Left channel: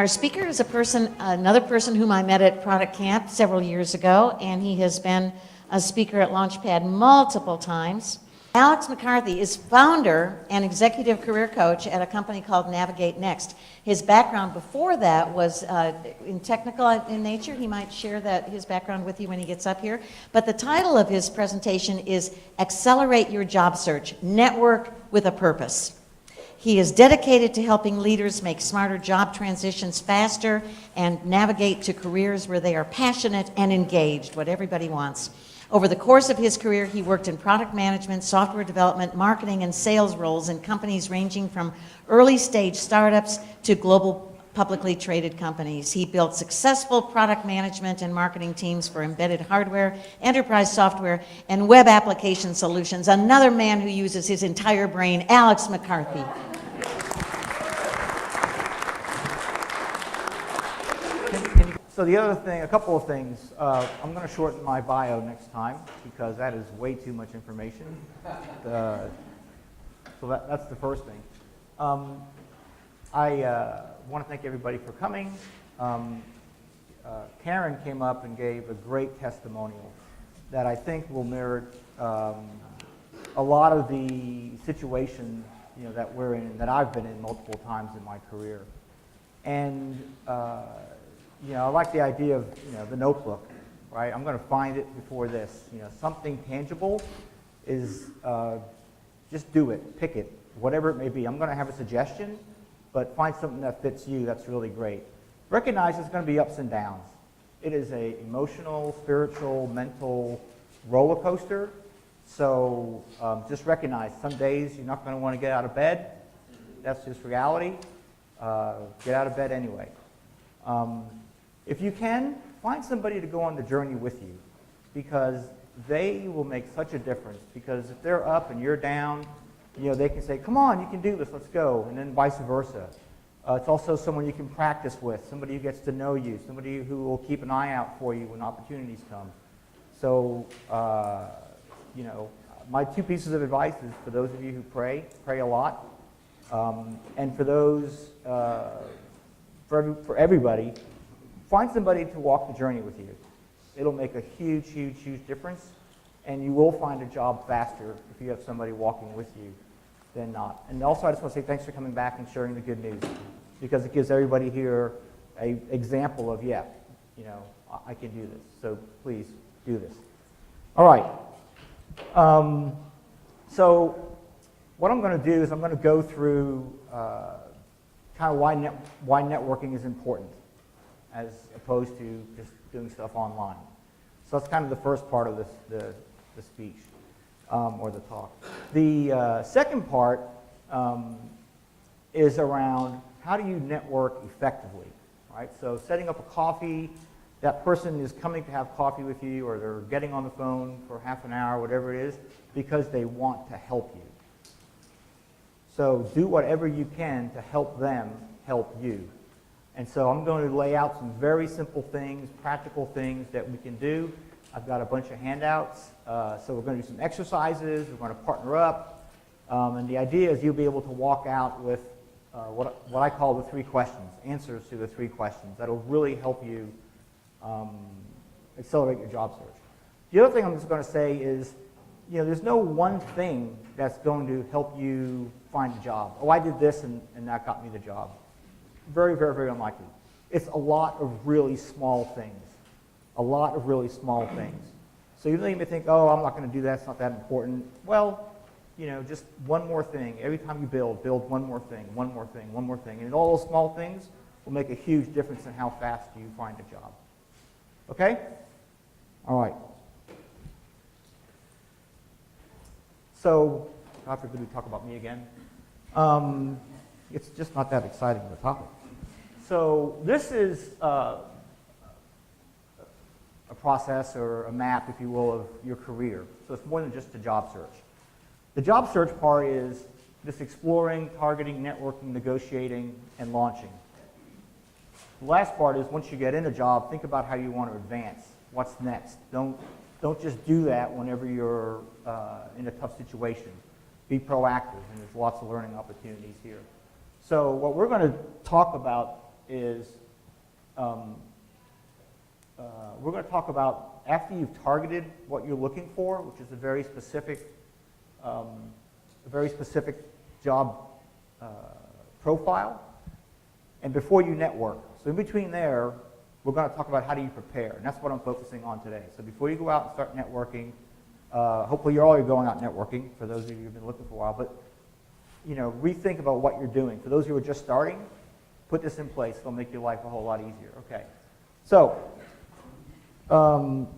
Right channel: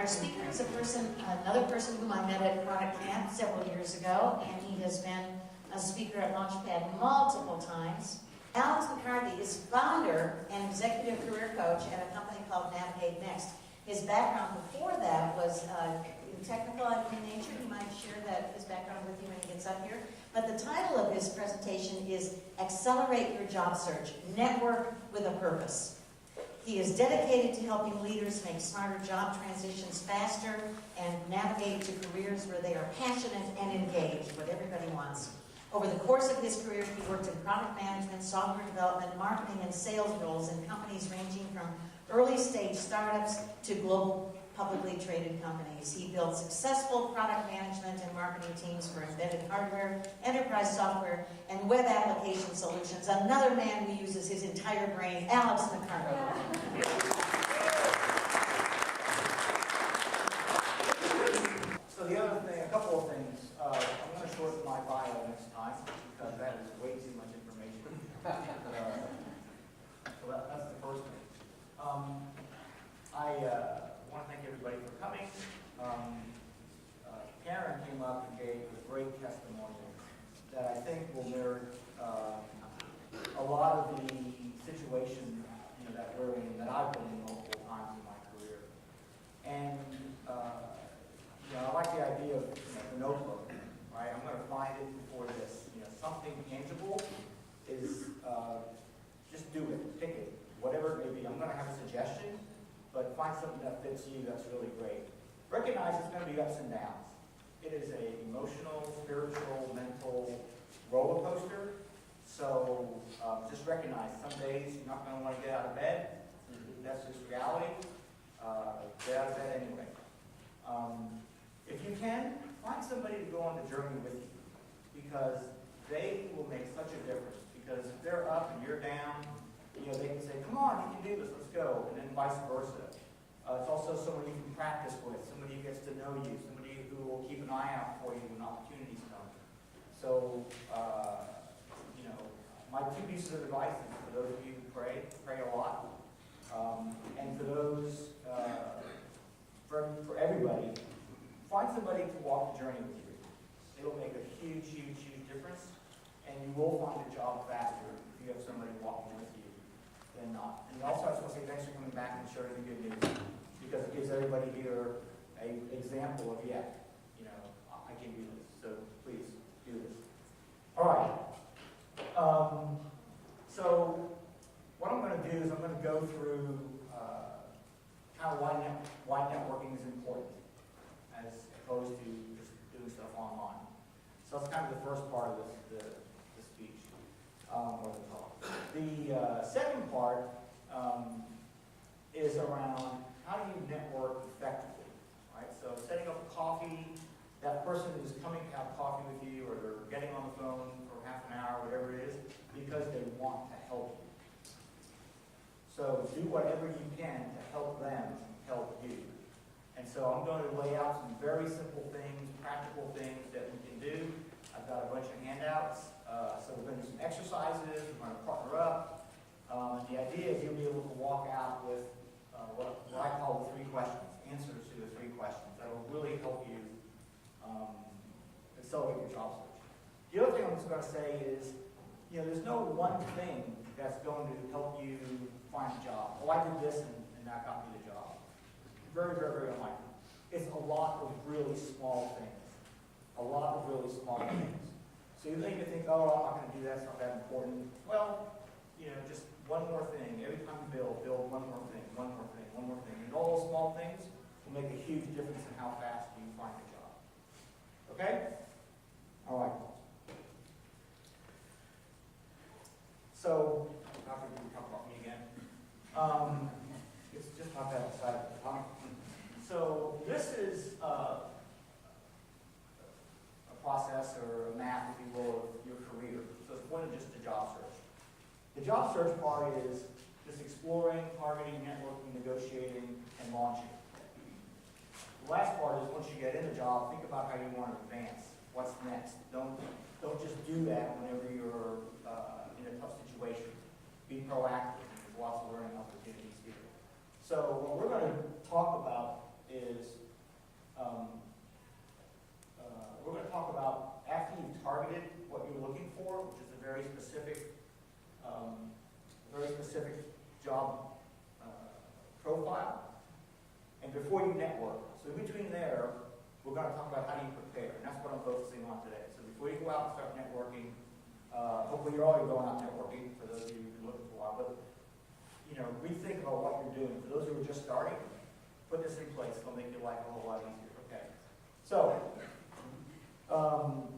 Our speaker is another person whom I met at Product Camp several years ago, and he has been a speaker at Launchpad multiple times. Alex McCarthy is founder and executive career coach at a company called Navigate Next. His background before that was in technical in nature. He might share his background with you when he gets up here. But the title of his presentation is Accelerate Your Job Search, Network with a Purpose. He is dedicated to helping leaders make smarter job transitions faster and navigate to careers where they are passionate and engaged, what everybody wants. Over the course of his career, he worked in product management, software development, marketing, and sales roles in companies ranging from early-stage startups to global publicly traded companies. He built successful product management and marketing teams for embedded hardware, enterprise software, and web application solutions. Another man who uses his entire brain, Alex McCarthy. So the other thing, a couple of things. I'm going to shorten my bio next time because that is way too much information. So that's the first thing. I want to thank everybody for coming. Karen came up and gave a great testimonial that I think will merit a lot of the situation that we're in, that I've been in multiple times in my career. And I like the idea of the notebook, right? I'm going to find it before this. Something tangible is just do it, pick it, whatever it may be. I'm going to have a suggestion, but find something that fits you. That's really great. Recognize it's going to be ups and downs. It is an emotional, spiritual, mental roller coaster. So just recognize some days you're not going to want to get out of bed. That's just reality. Get out of bed anyway. If you can, find somebody to go on the journey with you, because they will make such a difference. Because if they're up and you're down, they can say, come on, you can do this, let's go, and then vice versa. It's also someone you can practice with, somebody who gets to know you, somebody who will keep an eye out for you when opportunities come. So, my two pieces of advice is for those of you who pray a lot, and for those, for everybody, find somebody to walk the journey with you. It'll make a huge, huge, huge difference, and you will find a job faster if you have somebody walking with you than not. And also, I just want to say thanks for coming back and sharing the good news, because it gives everybody here an example of, I can do this. So please do this. All right. So what I'm going to do is I'm going to go through kind of why networking is important, as opposed to just doing stuff online. So that's kind of the first part of the speech, or the talk. The second part is around how do you network effectively, right? So setting up a coffee, that person is coming to have coffee with you, or they're getting on the phone for half an hour, whatever it is, because they want to help you. So do whatever you can to help them help you. And so I'm going to lay out some very simple things, practical things that we can do. I've got a bunch of handouts. So we're going to do some exercises. We're going to partner up. And the idea is you'll be able to walk out with what I call the 3 questions, answers to the 3 questions. That'll really help you accelerate your job search. The other thing I'm just going to say is, there's no one thing that's going to help you find a job. Oh, I did this and that got me the job. Very, very, very unlikely. It's a lot of really small things. A lot of really small things. So you may think, oh, I'm not going to do that, it's not that important. Well, just one more thing. Every time you build one more thing, one more thing, one more thing. And all those small things will make a huge difference in how fast you find a job. Okay? All right. So, not going to talk about me again. It's just not that exciting of a topic. So this is a process or a map, if you will, of your career. So it's more than just a job search. The job search part is this exploring, targeting, networking, negotiating, and launching. The last part is once you get in a job, think about how you want to advance. What's next? Don't just do that whenever you're in a tough situation. Be proactive, and there's lots of learning opportunities here. So what we're going to talk about is we're going to talk about, after you've targeted what you're looking for, which is a very specific job profile, and before you network. So in between there, we're going to talk about how do you prepare, and that's what I'm focusing on today. So before you go out and start networking, hopefully you're already going out networking, for those of you who've been looking for a while, but rethink about what you're doing. For those who are just starting, put this in place. It'll make your life a whole lot easier. Okay. So,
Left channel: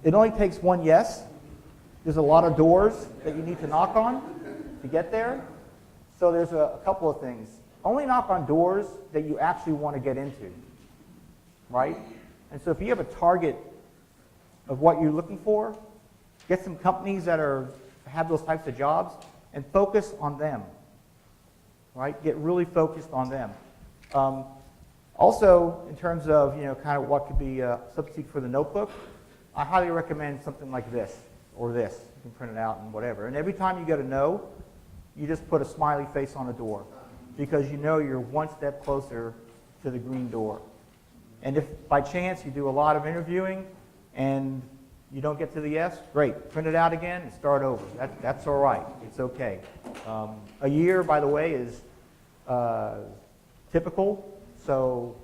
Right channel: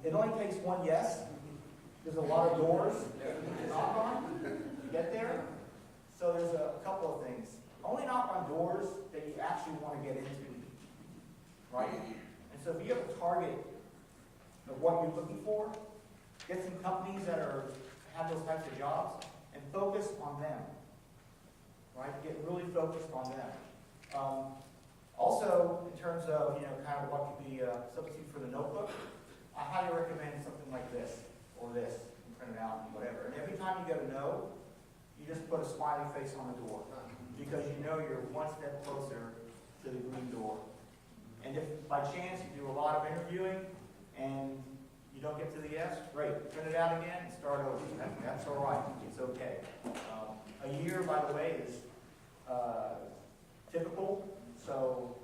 it only takes one yes. There's a lot of doors that you need to knock on to get there. So there's a couple of things. Only knock on doors that you actually want to get into, right? And so if you have a target of what you're looking for, get some companies that have those types of jobs and focus on them, right? Get really focused on them. Also, in terms of kind of what could be a substitute for the notebook, I highly recommend something like this or this. You can print it out and whatever. And every time you get a no, you just put a smiley face on the door, because you're one step closer to the green door. And if by chance you do a lot of interviewing and you don't get to the yes, great. Print it out again and start over. That's all right. It's okay. A year, by the way, is typical. So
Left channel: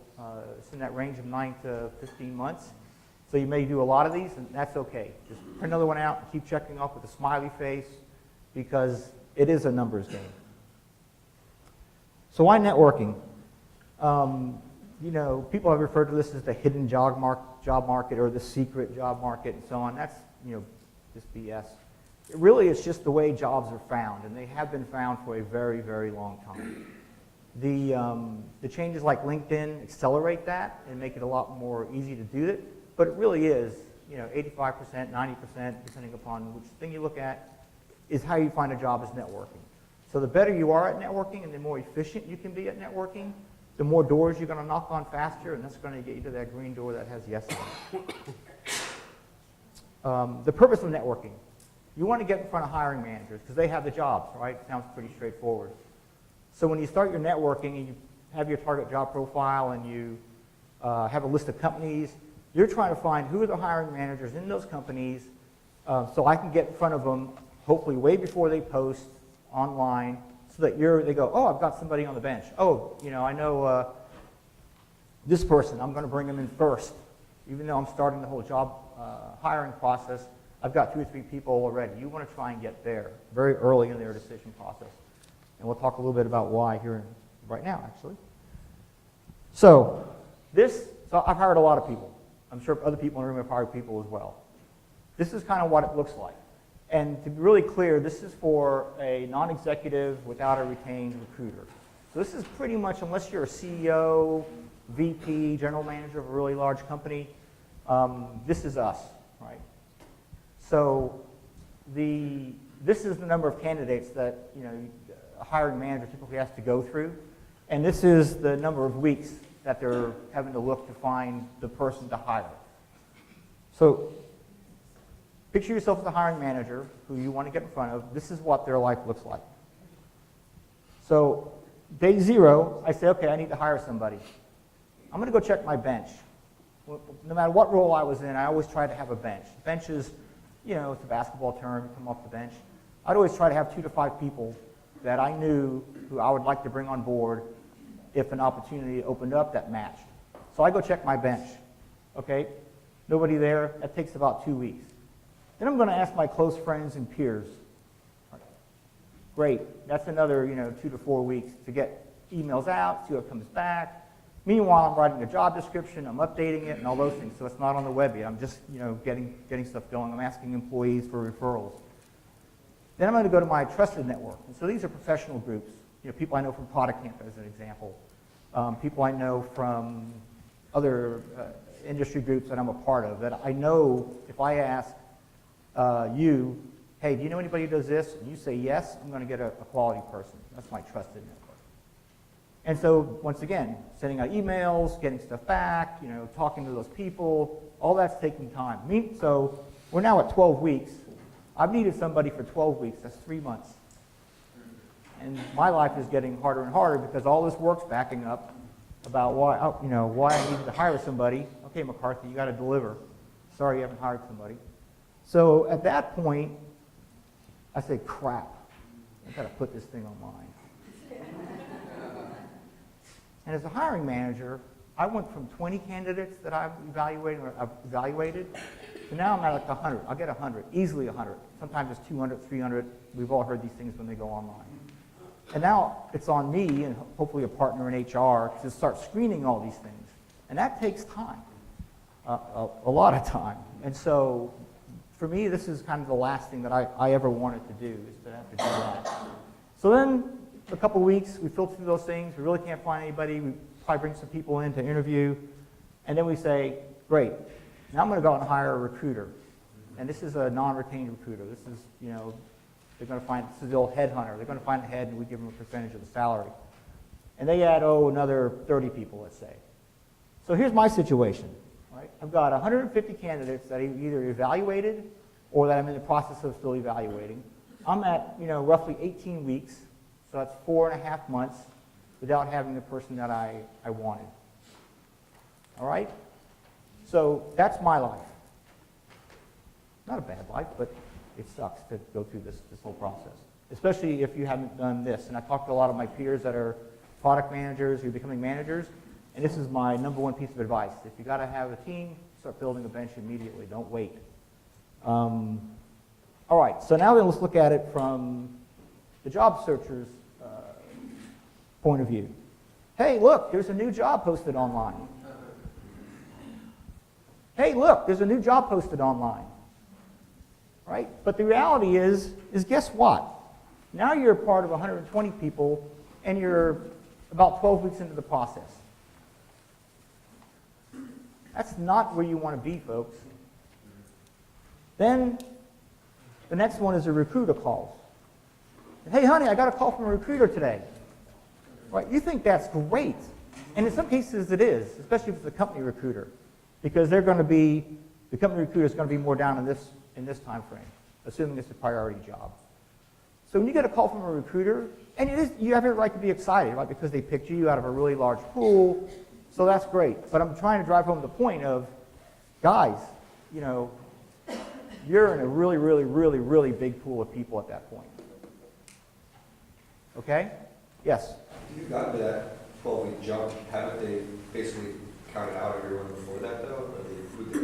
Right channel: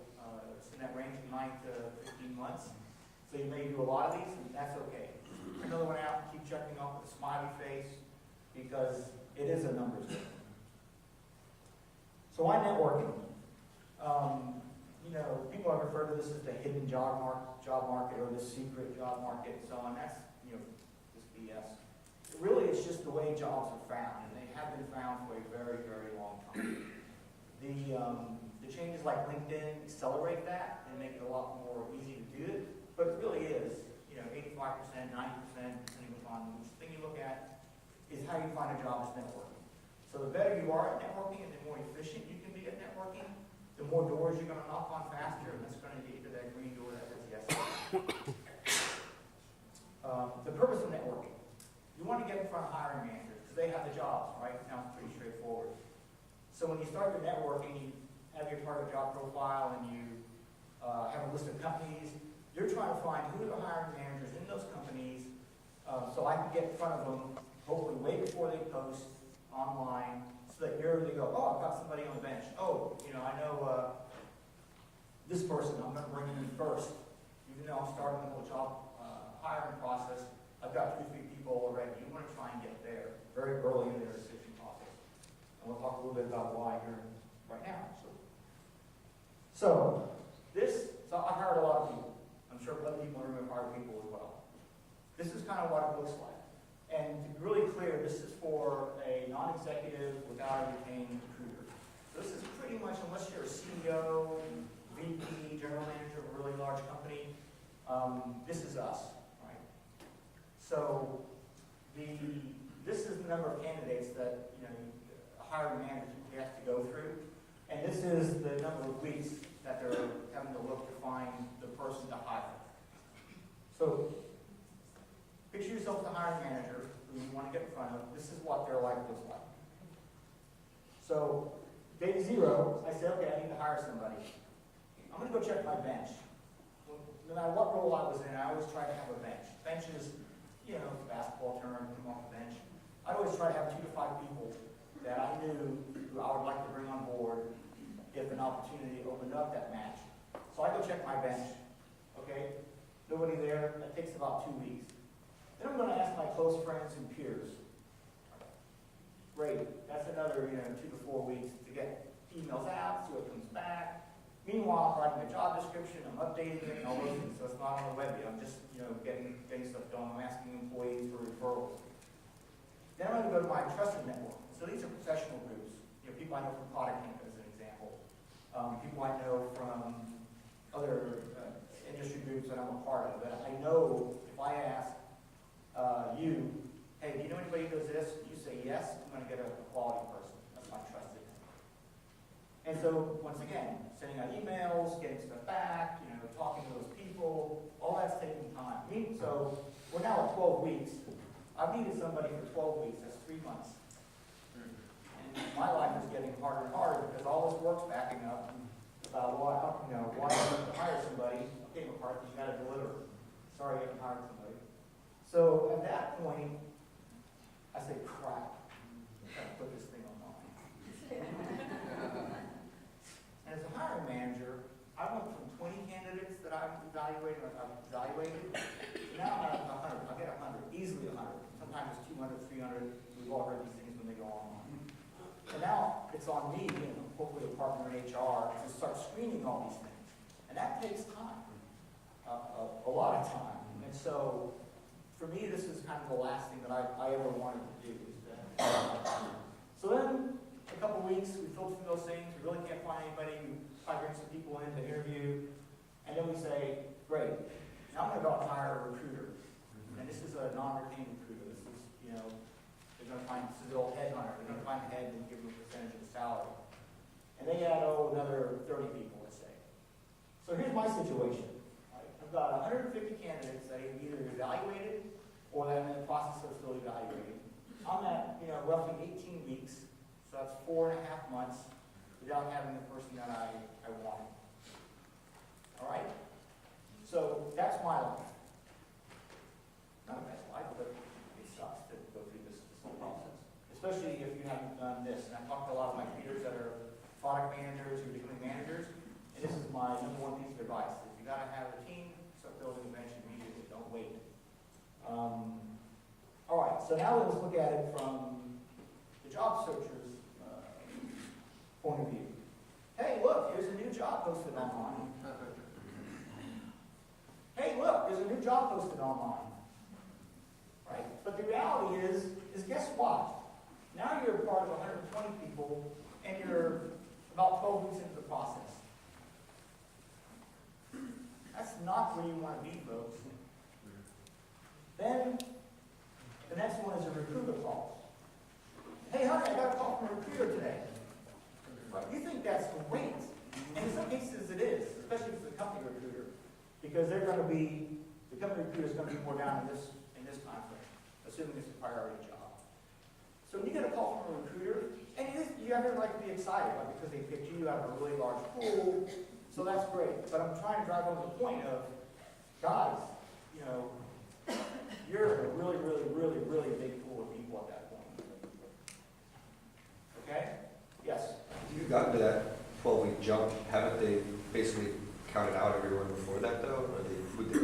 it's in that range of 9 to 15 months. So you may do a lot of these, and that's okay. Just print another one out and keep checking off with a smiley face, because it is a numbers game. So why networking? People have referred to this as the hidden job market or the secret job market and so on. That's, just BS. It really is just the way jobs are found, and they have been found for a very, very long time. The changes like LinkedIn accelerate that and make it a lot more easy to do it, but it really is, 85%, 90%, depending upon which thing you look at, is how you find a job is networking. So the better you are at networking and the more efficient you can be at networking, the more doors you're going to knock on faster, and that's going to get you to that green door that has yes on it. The purpose of networking. You want to get in front of hiring managers because they have the jobs, right? Sounds pretty straightforward. So when you start your networking and you have your target job profile and you have a list of companies, you're trying to find who are the hiring managers in those companies so I can get in front of them, hopefully way before they post online, so that they go, oh, I've got somebody on the bench. Oh, I know this person, I'm going to bring them in first. Even though I'm starting the whole job hiring process, I've got 2 or 3 people already. You want to try and get there very early in their decision process. And we'll talk a little bit about why here right now, actually. So I've hired a lot of people. I'm sure other people in the room have hired people as well. This is kind of what it looks like. And to be really clear, this is for a non-executive without a retained recruiter. So this is pretty much, unless you're a CEO, VP, general manager of a really large company, this is us, right? So this is the number of candidates that a hiring manager typically has to go through, and this is the number of weeks that they're having to look to find the person to hire. So picture yourself as a hiring manager who you want to get in front of. This is what their life looks like. So day 0, I say, okay, I need to hire somebody. I'm going to go check my bench. No matter what role I was in, I always try to have a bench. Bench is, it's a basketball term, come off the bench. I'd always try to have 2 to 5 people that I knew who I would like to bring on board if an opportunity opened up that matched. So I go check my bench. Okay, nobody there. That takes about 2 weeks. Then I'm going to ask my close friends and peers. Great, that's another 2 to 4 weeks to get emails out, see what comes back. Meanwhile, I'm writing a job description, I'm updating it, and all those things. So it's not on the web yet. I'm just getting stuff going. I'm asking employees for referrals. Then I'm going to go to my trusted network. And so these are professional groups. People I know from Product Camp, as an example. People I know from other industry groups that I'm a part of. That I know if I ask you, hey, do you know anybody who does this? And you say yes, I'm going to get a quality person. That's my trusted network. And so, once again, sending out emails, getting stuff back, talking to those people, all that's taking time. So we're now at 12 weeks. I've needed somebody for 12 weeks. That's 3 months. And my life is getting harder and harder because all this work's backing up about why I need to hire somebody. Okay, McCarthy, you got to deliver. Sorry you haven't hired somebody. So at that point, I say, crap, I got to put this thing online. And as a hiring manager, I went from 20 candidates that I've evaluated, to now I'm at like 100. I'll get 100, easily 100. Sometimes it's 200, 300. We've all heard these things when they go online. And now it's on me, and hopefully a partner in HR, to start screening all these things. And that takes time, a lot of time. And so for me, this is kind of the last thing that I ever wanted to do, is to have to do that. So then, a couple weeks, we filter through those things. We really can't find anybody. We probably bring some people in to interview. And then we say, great, now I'm going to go out and hire a recruiter. And this is a non-retained recruiter. This is, they're going to find, this is the old headhunter. They're going to find a head, and we give them a percentage of the salary. And they add, another 30 people, let's say. So here's my situation. Right? I've got 150 candidates that I've either evaluated or that I'm in the process of still evaluating. I'm at, roughly 18 weeks. So that's 4.5 months without having the person that I wanted. All right? So that's my life. Not a bad life, but it sucks to go through this whole process, especially if you haven't done this. And I talked to a lot of my peers that are product managers who are becoming managers, and this is my number one piece of advice. If you got to have a team, start building a bench immediately. Don't wait. All right, so now then let's look at it from the job searcher's point of view. Hey, look, there's a new job posted online. Hey, look, there's a new job posted online. Right? But the reality is guess what? Now you're part of 120 people, and you're about 12 weeks into the process. That's not where you want to be, folks. Then the next one is a recruiter calls. Hey, honey, I got a call from a recruiter today. Right? You think that's great. And in some cases it is, especially if it's a company recruiter, because the company recruiter is going to be more down in this time frame, assuming it's a priority job. So when you get a call from a recruiter, and you have every right to be excited, right, because they picked you out of a really large pool, so that's great. But I'm trying to drive home the point of, guys, you're in a really, really, really, really big pool of people at that point. Okay? Yes? If you got to that 12-week jump, haven't they basically counted out everyone before that, though?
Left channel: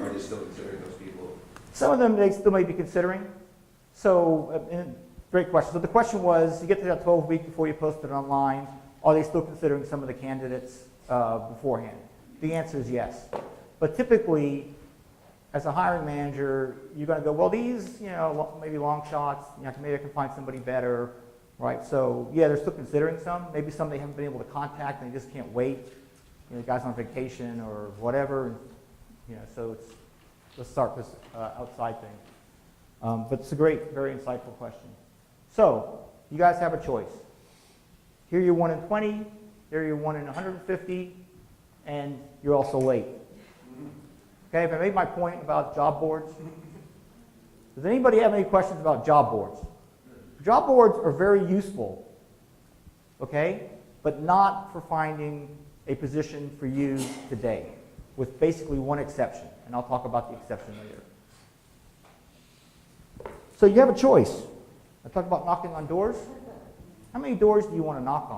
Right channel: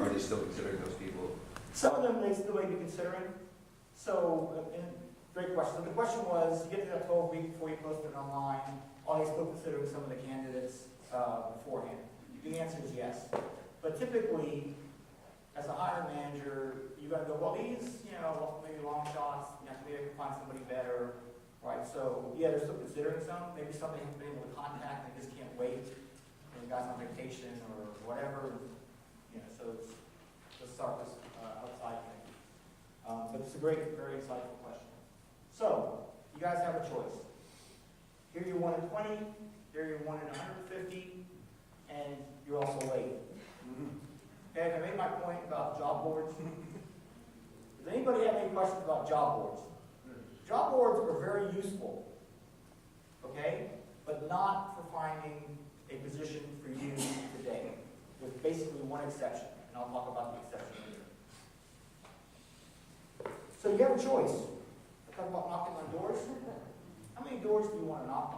Are they still considering those people? Some of them they still may be considering. So, great question. So the question was, you get to that 12-week before you post it online, are they still considering some of the candidates beforehand? The answer is yes. But typically, as a hiring manager, you're going to go, well, these, maybe long shots, maybe I can find somebody better, right? So, yeah, they're still considering some. Maybe some they haven't been able to contact and they just can't wait. The guy's on vacation or whatever. So let's start this outside thing. But it's a great, very insightful question. So, you guys have a choice. Here you're 1 in 20, here you're 1 in 150, and you're also late. Okay, have I made my point about job boards? Does anybody have any questions about job boards? Job boards are very useful, okay, but not for finding a position for you today, with basically one exception, and I'll talk about the exception later. So you have a choice. I talked about knocking on doors. How many doors do you want to knock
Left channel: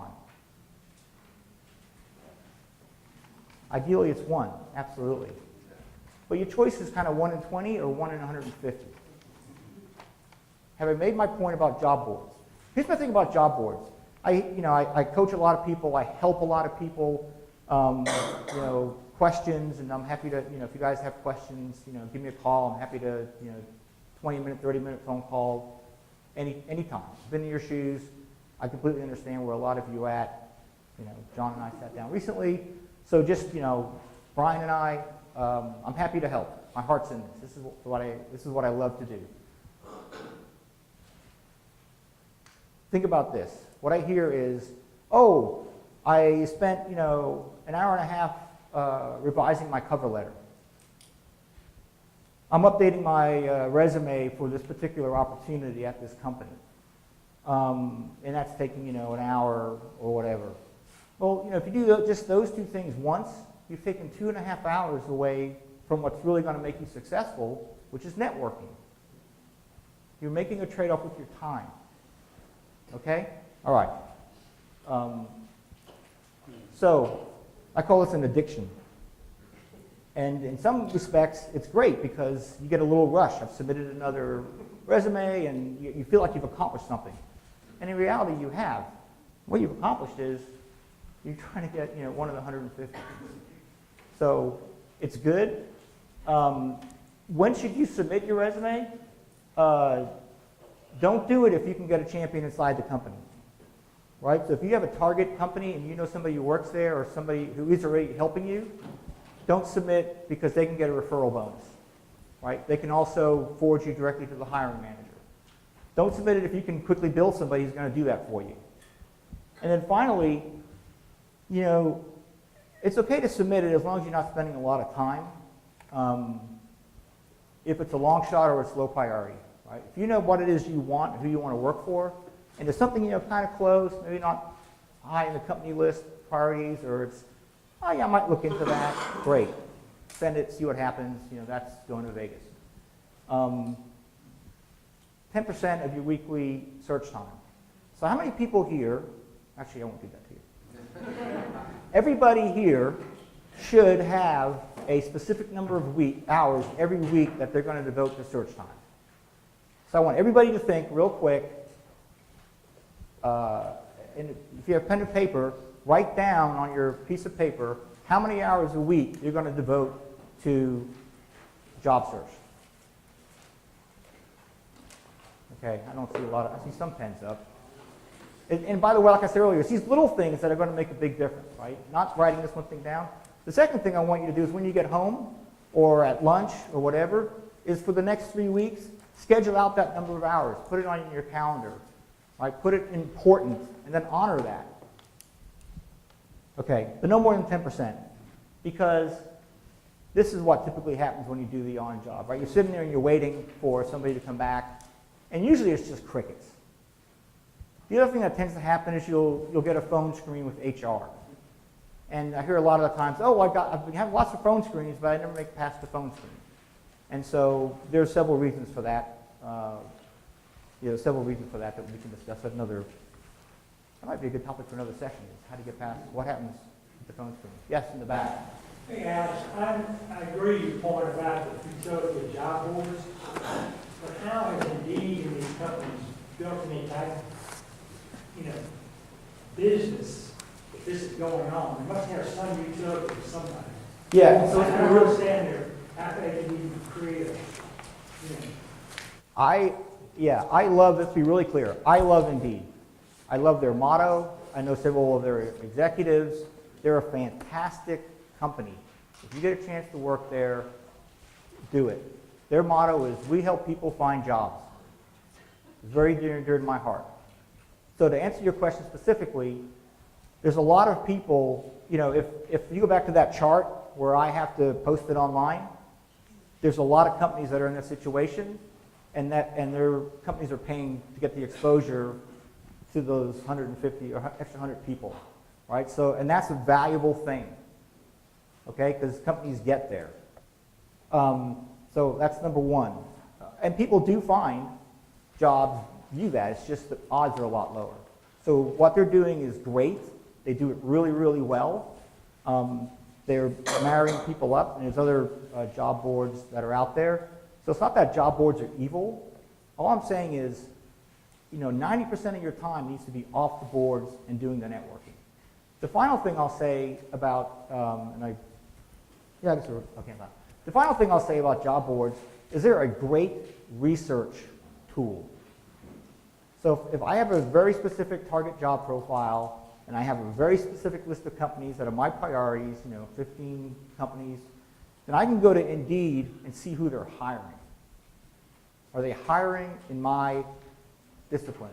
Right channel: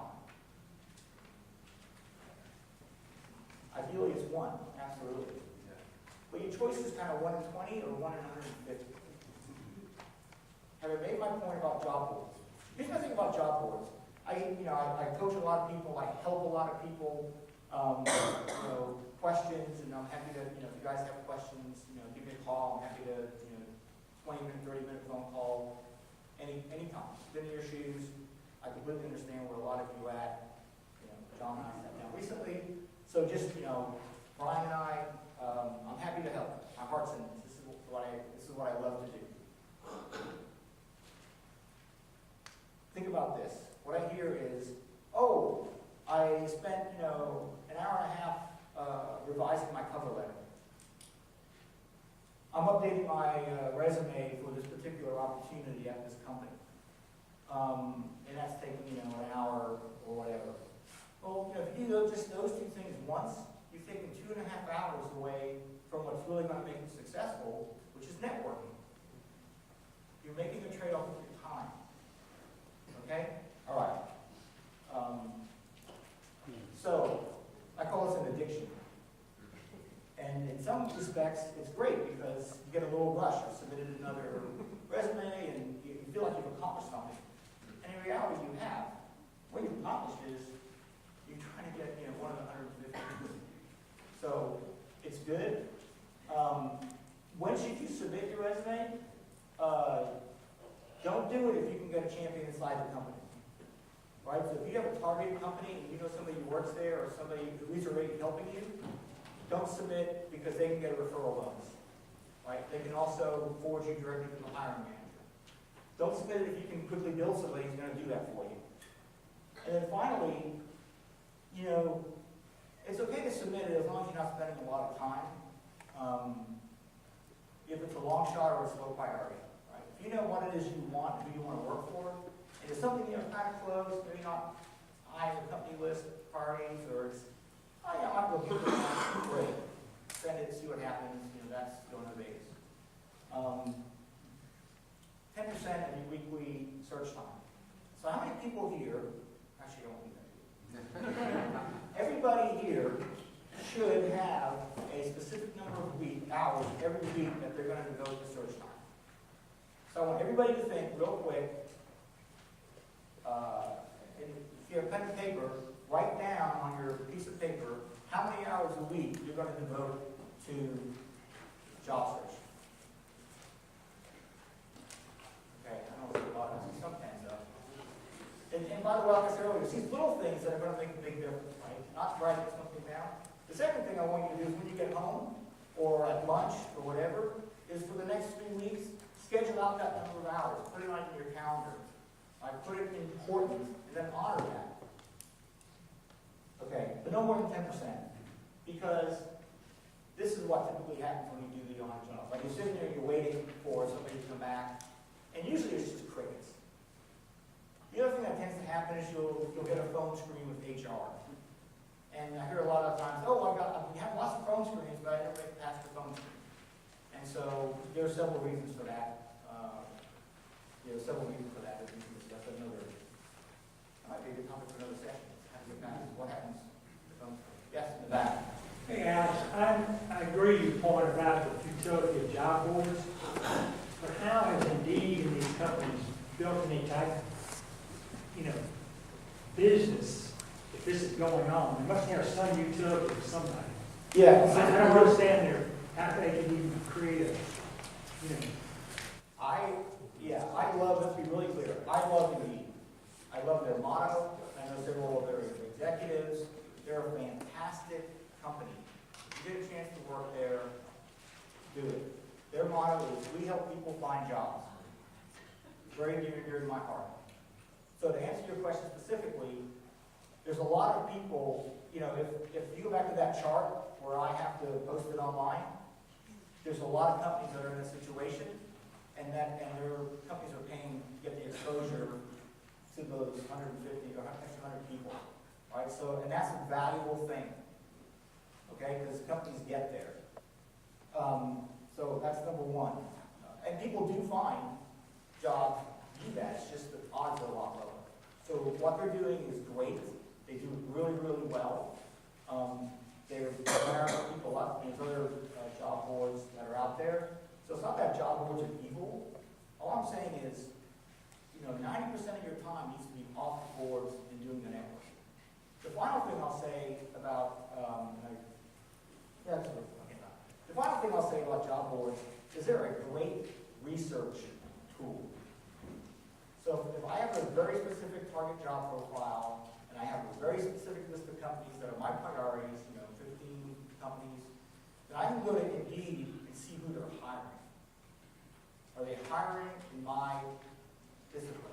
on? Ideally, it's one, absolutely. But your choice is kind of 1 in 20 or 1 in 150. Have I made my point about job boards? Here's my thing about job boards. I coach a lot of people. I help a lot of people. Questions, and I'm happy to, if you guys have questions, give me a call. I'm happy to, 20-minute, 30-minute phone call, anytime. Been in your shoes. I completely understand where a lot of you are at. John and I sat down recently. So just, Brian and I, I'm happy to help. My heart's in this. This is what I love to do. Think about this. What I hear is, oh, I spent, an hour and a half revising my cover letter. I'm updating my resume for this particular opportunity at this company. And that's taking, an hour or whatever. Well, if you do just those two things once, you've taken 2.5 hours away from what's really going to make you successful, which is networking. You're making a trade-off with your time. Okay? All right. So I call this an addiction. And in some respects, it's great because you get a little rush. I've submitted another resume, and you feel like you've accomplished something. And in reality, you have. What you've accomplished is you're trying to get one of the 150. So it's good. When should you submit your resume? Don't do it if you can get a champion inside the company. Right? So if you have a target company and you know somebody who works there or somebody who is already helping you, don't submit because they can get a referral bonus. Right? They can also forward you directly to the hiring manager. Don't submit it if you can quickly build somebody who's going to do that for you. And then finally, it's okay to submit it as long as you're not spending a lot of time. If it's a long shot or it's low priority. Right? If you know what it is you want and who you want to work for, and there's something kind of close, maybe not high in the company list priorities, or it's, oh yeah, I might look into that. Great. Send it, see what happens. That's going to Vegas. 10% of your weekly search time. So how many people here, actually I won't do that to you. Everybody here should have a specific number of hours every week that they're going to devote to search time. So I want everybody to think real quick, and if you have pen and paper, write down on your piece of paper how many hours a week you're going to devote to job search. Okay, I don't see a lot I see some pens up. And by the way, like I said earlier, it's these little things that are going to make a big difference, right? Not writing this one thing down. The second thing I want you to do is when you get home or at lunch or whatever, is for the next 3 weeks, schedule out that number of hours. Put it on your calendar. Right? Put it important and then honor that. Okay, but no more than 10%. Because this is what typically happens when you do the on job, right? You're sitting there and you're waiting for somebody to come back, and usually it's just crickets. The other thing that tends to happen is you'll get a phone screen with HR. And I hear a lot of the times, oh, I've have lots of phone screens, but I never make it past the phone screen. And so there are several reasons for that. Several reasons for that we can discuss. That might be a good topic for another session. How to get past what happens with the phone screen. Yes, in the back. Hey, Alex, I agree with your point about the futility of job boards, but how has Indeed and these companies built any type of, business if this is going on? They must have some utility for somebody. Yeah. So I don't understand how they can even create I love, let's be really clear, I love Indeed. I love their motto. I know several of their executives. They're a fantastic company. If you get a chance to work there, do it. Their motto is, we help people find jobs. It's very dear and dear to my heart. So to answer your question specifically, there's a lot of people, if you go back to that chart where I have to post it online, there's a lot of companies that are in this situation, and their companies are paying to get the exposure to those 150 or extra 100 people, right? So, and that's a valuable thing, okay? Because companies get there. So that's number one. And people do find jobs view that. It's just the odds are a lot lower. So what they're doing is great. They do it really, really well. They're marrying people up, and there's other job boards that are out there. So it's not that job boards are evil. All I'm saying is, 90% of your time needs to be off the boards and doing the networking. The final thing I'll say about, the final thing I'll say about job boards is they're a great research tool. So if I have a very specific target job profile, and I have a very specific list of companies that are my priorities, 15 companies, then I can go to Indeed and see who they're hiring. Are they hiring in my discipline?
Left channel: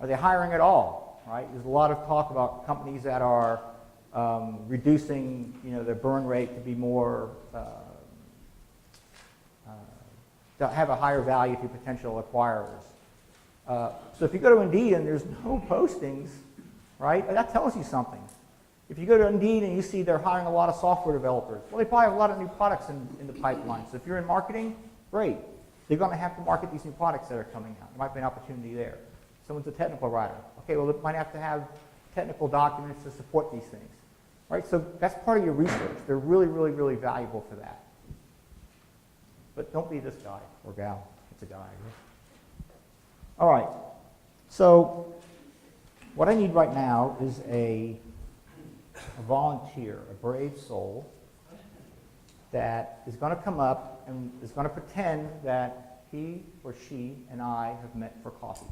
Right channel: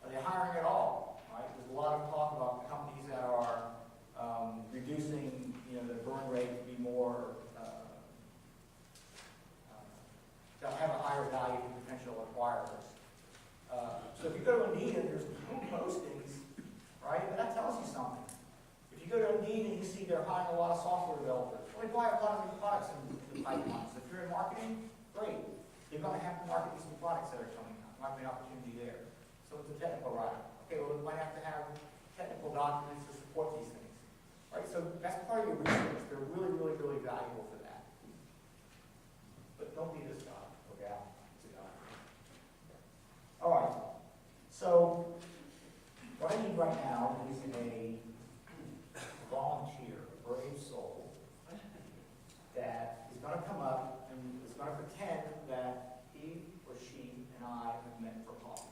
Are they hiring at all? Right? There's a lot of talk about companies that are reducing, their burn rate to be more, to have a higher value to potential acquirers. So if you go to Indeed and there's no postings, right, that tells you something. If you go to Indeed and you see they're hiring a lot of software developers, well, they probably have a lot of new products in the pipeline. So if you're in marketing, great. They're going to have to market these new products that are coming out. There might be an opportunity there. Someone's a technical writer. Okay, well, they might have to have technical documents to support these things. Right? So that's part of your research. They're really, really, really valuable for that. But don't be this guy or gal. It's a guy. All right. So what I need right now is a volunteer, a brave soul, that is going to come up and is going to pretend that he or she and I have met for coffee.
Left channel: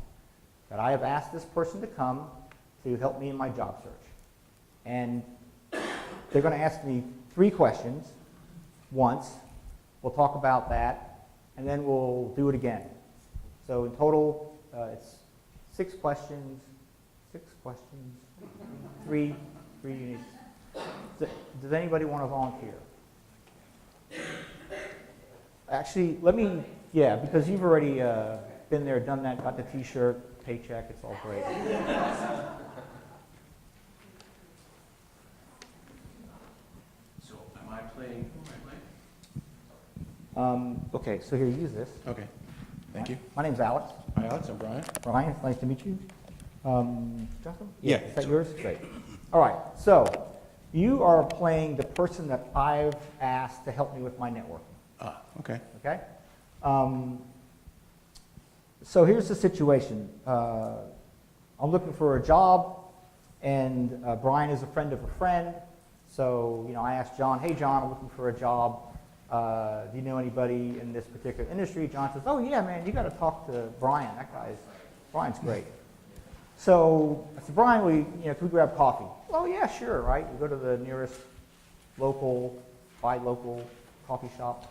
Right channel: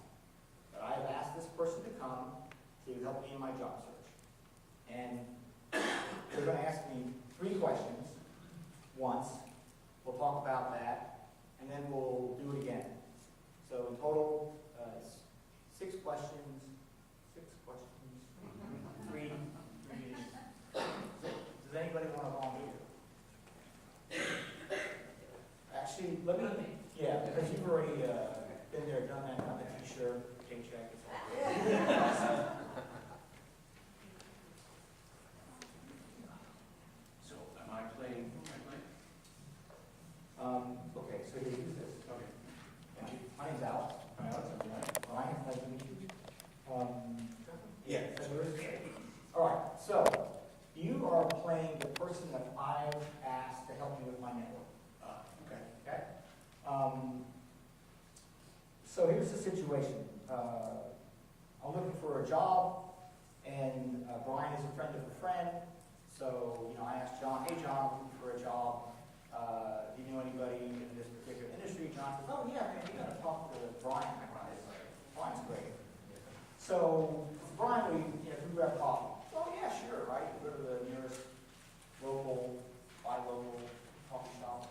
That I have asked this person to come to help me in my job search. And they're going to ask me 3 questions once. We'll talk about that, and then we'll do it again. So in total, it's 6 questions. 6 questions. 3 minutes. Does anybody want to volunteer? Actually, yeah, because you've already been there, done that, got the t-shirt, paycheck, it's all great. So am I playing? Okay, so here, use this. Okay, thank you. My name's Alex. Hi, Alex, I'm Brian. Brian, nice to meet you. Justin? Yeah. Is that yours? Great. All right, so you are playing the person that I've asked to help me with my network. Okay. Okay? So here's the situation. I'm looking for a job, and Brian is a friend of a friend. So, I asked John, hey, John, I'm looking for a job. Do you know anybody in this particular industry? John says, oh, yeah, man, you got to talk to Brian. Brian's great. So I said, Brian, can we grab coffee? Oh, yeah, sure, right? We go to the nearest buy local coffee shop.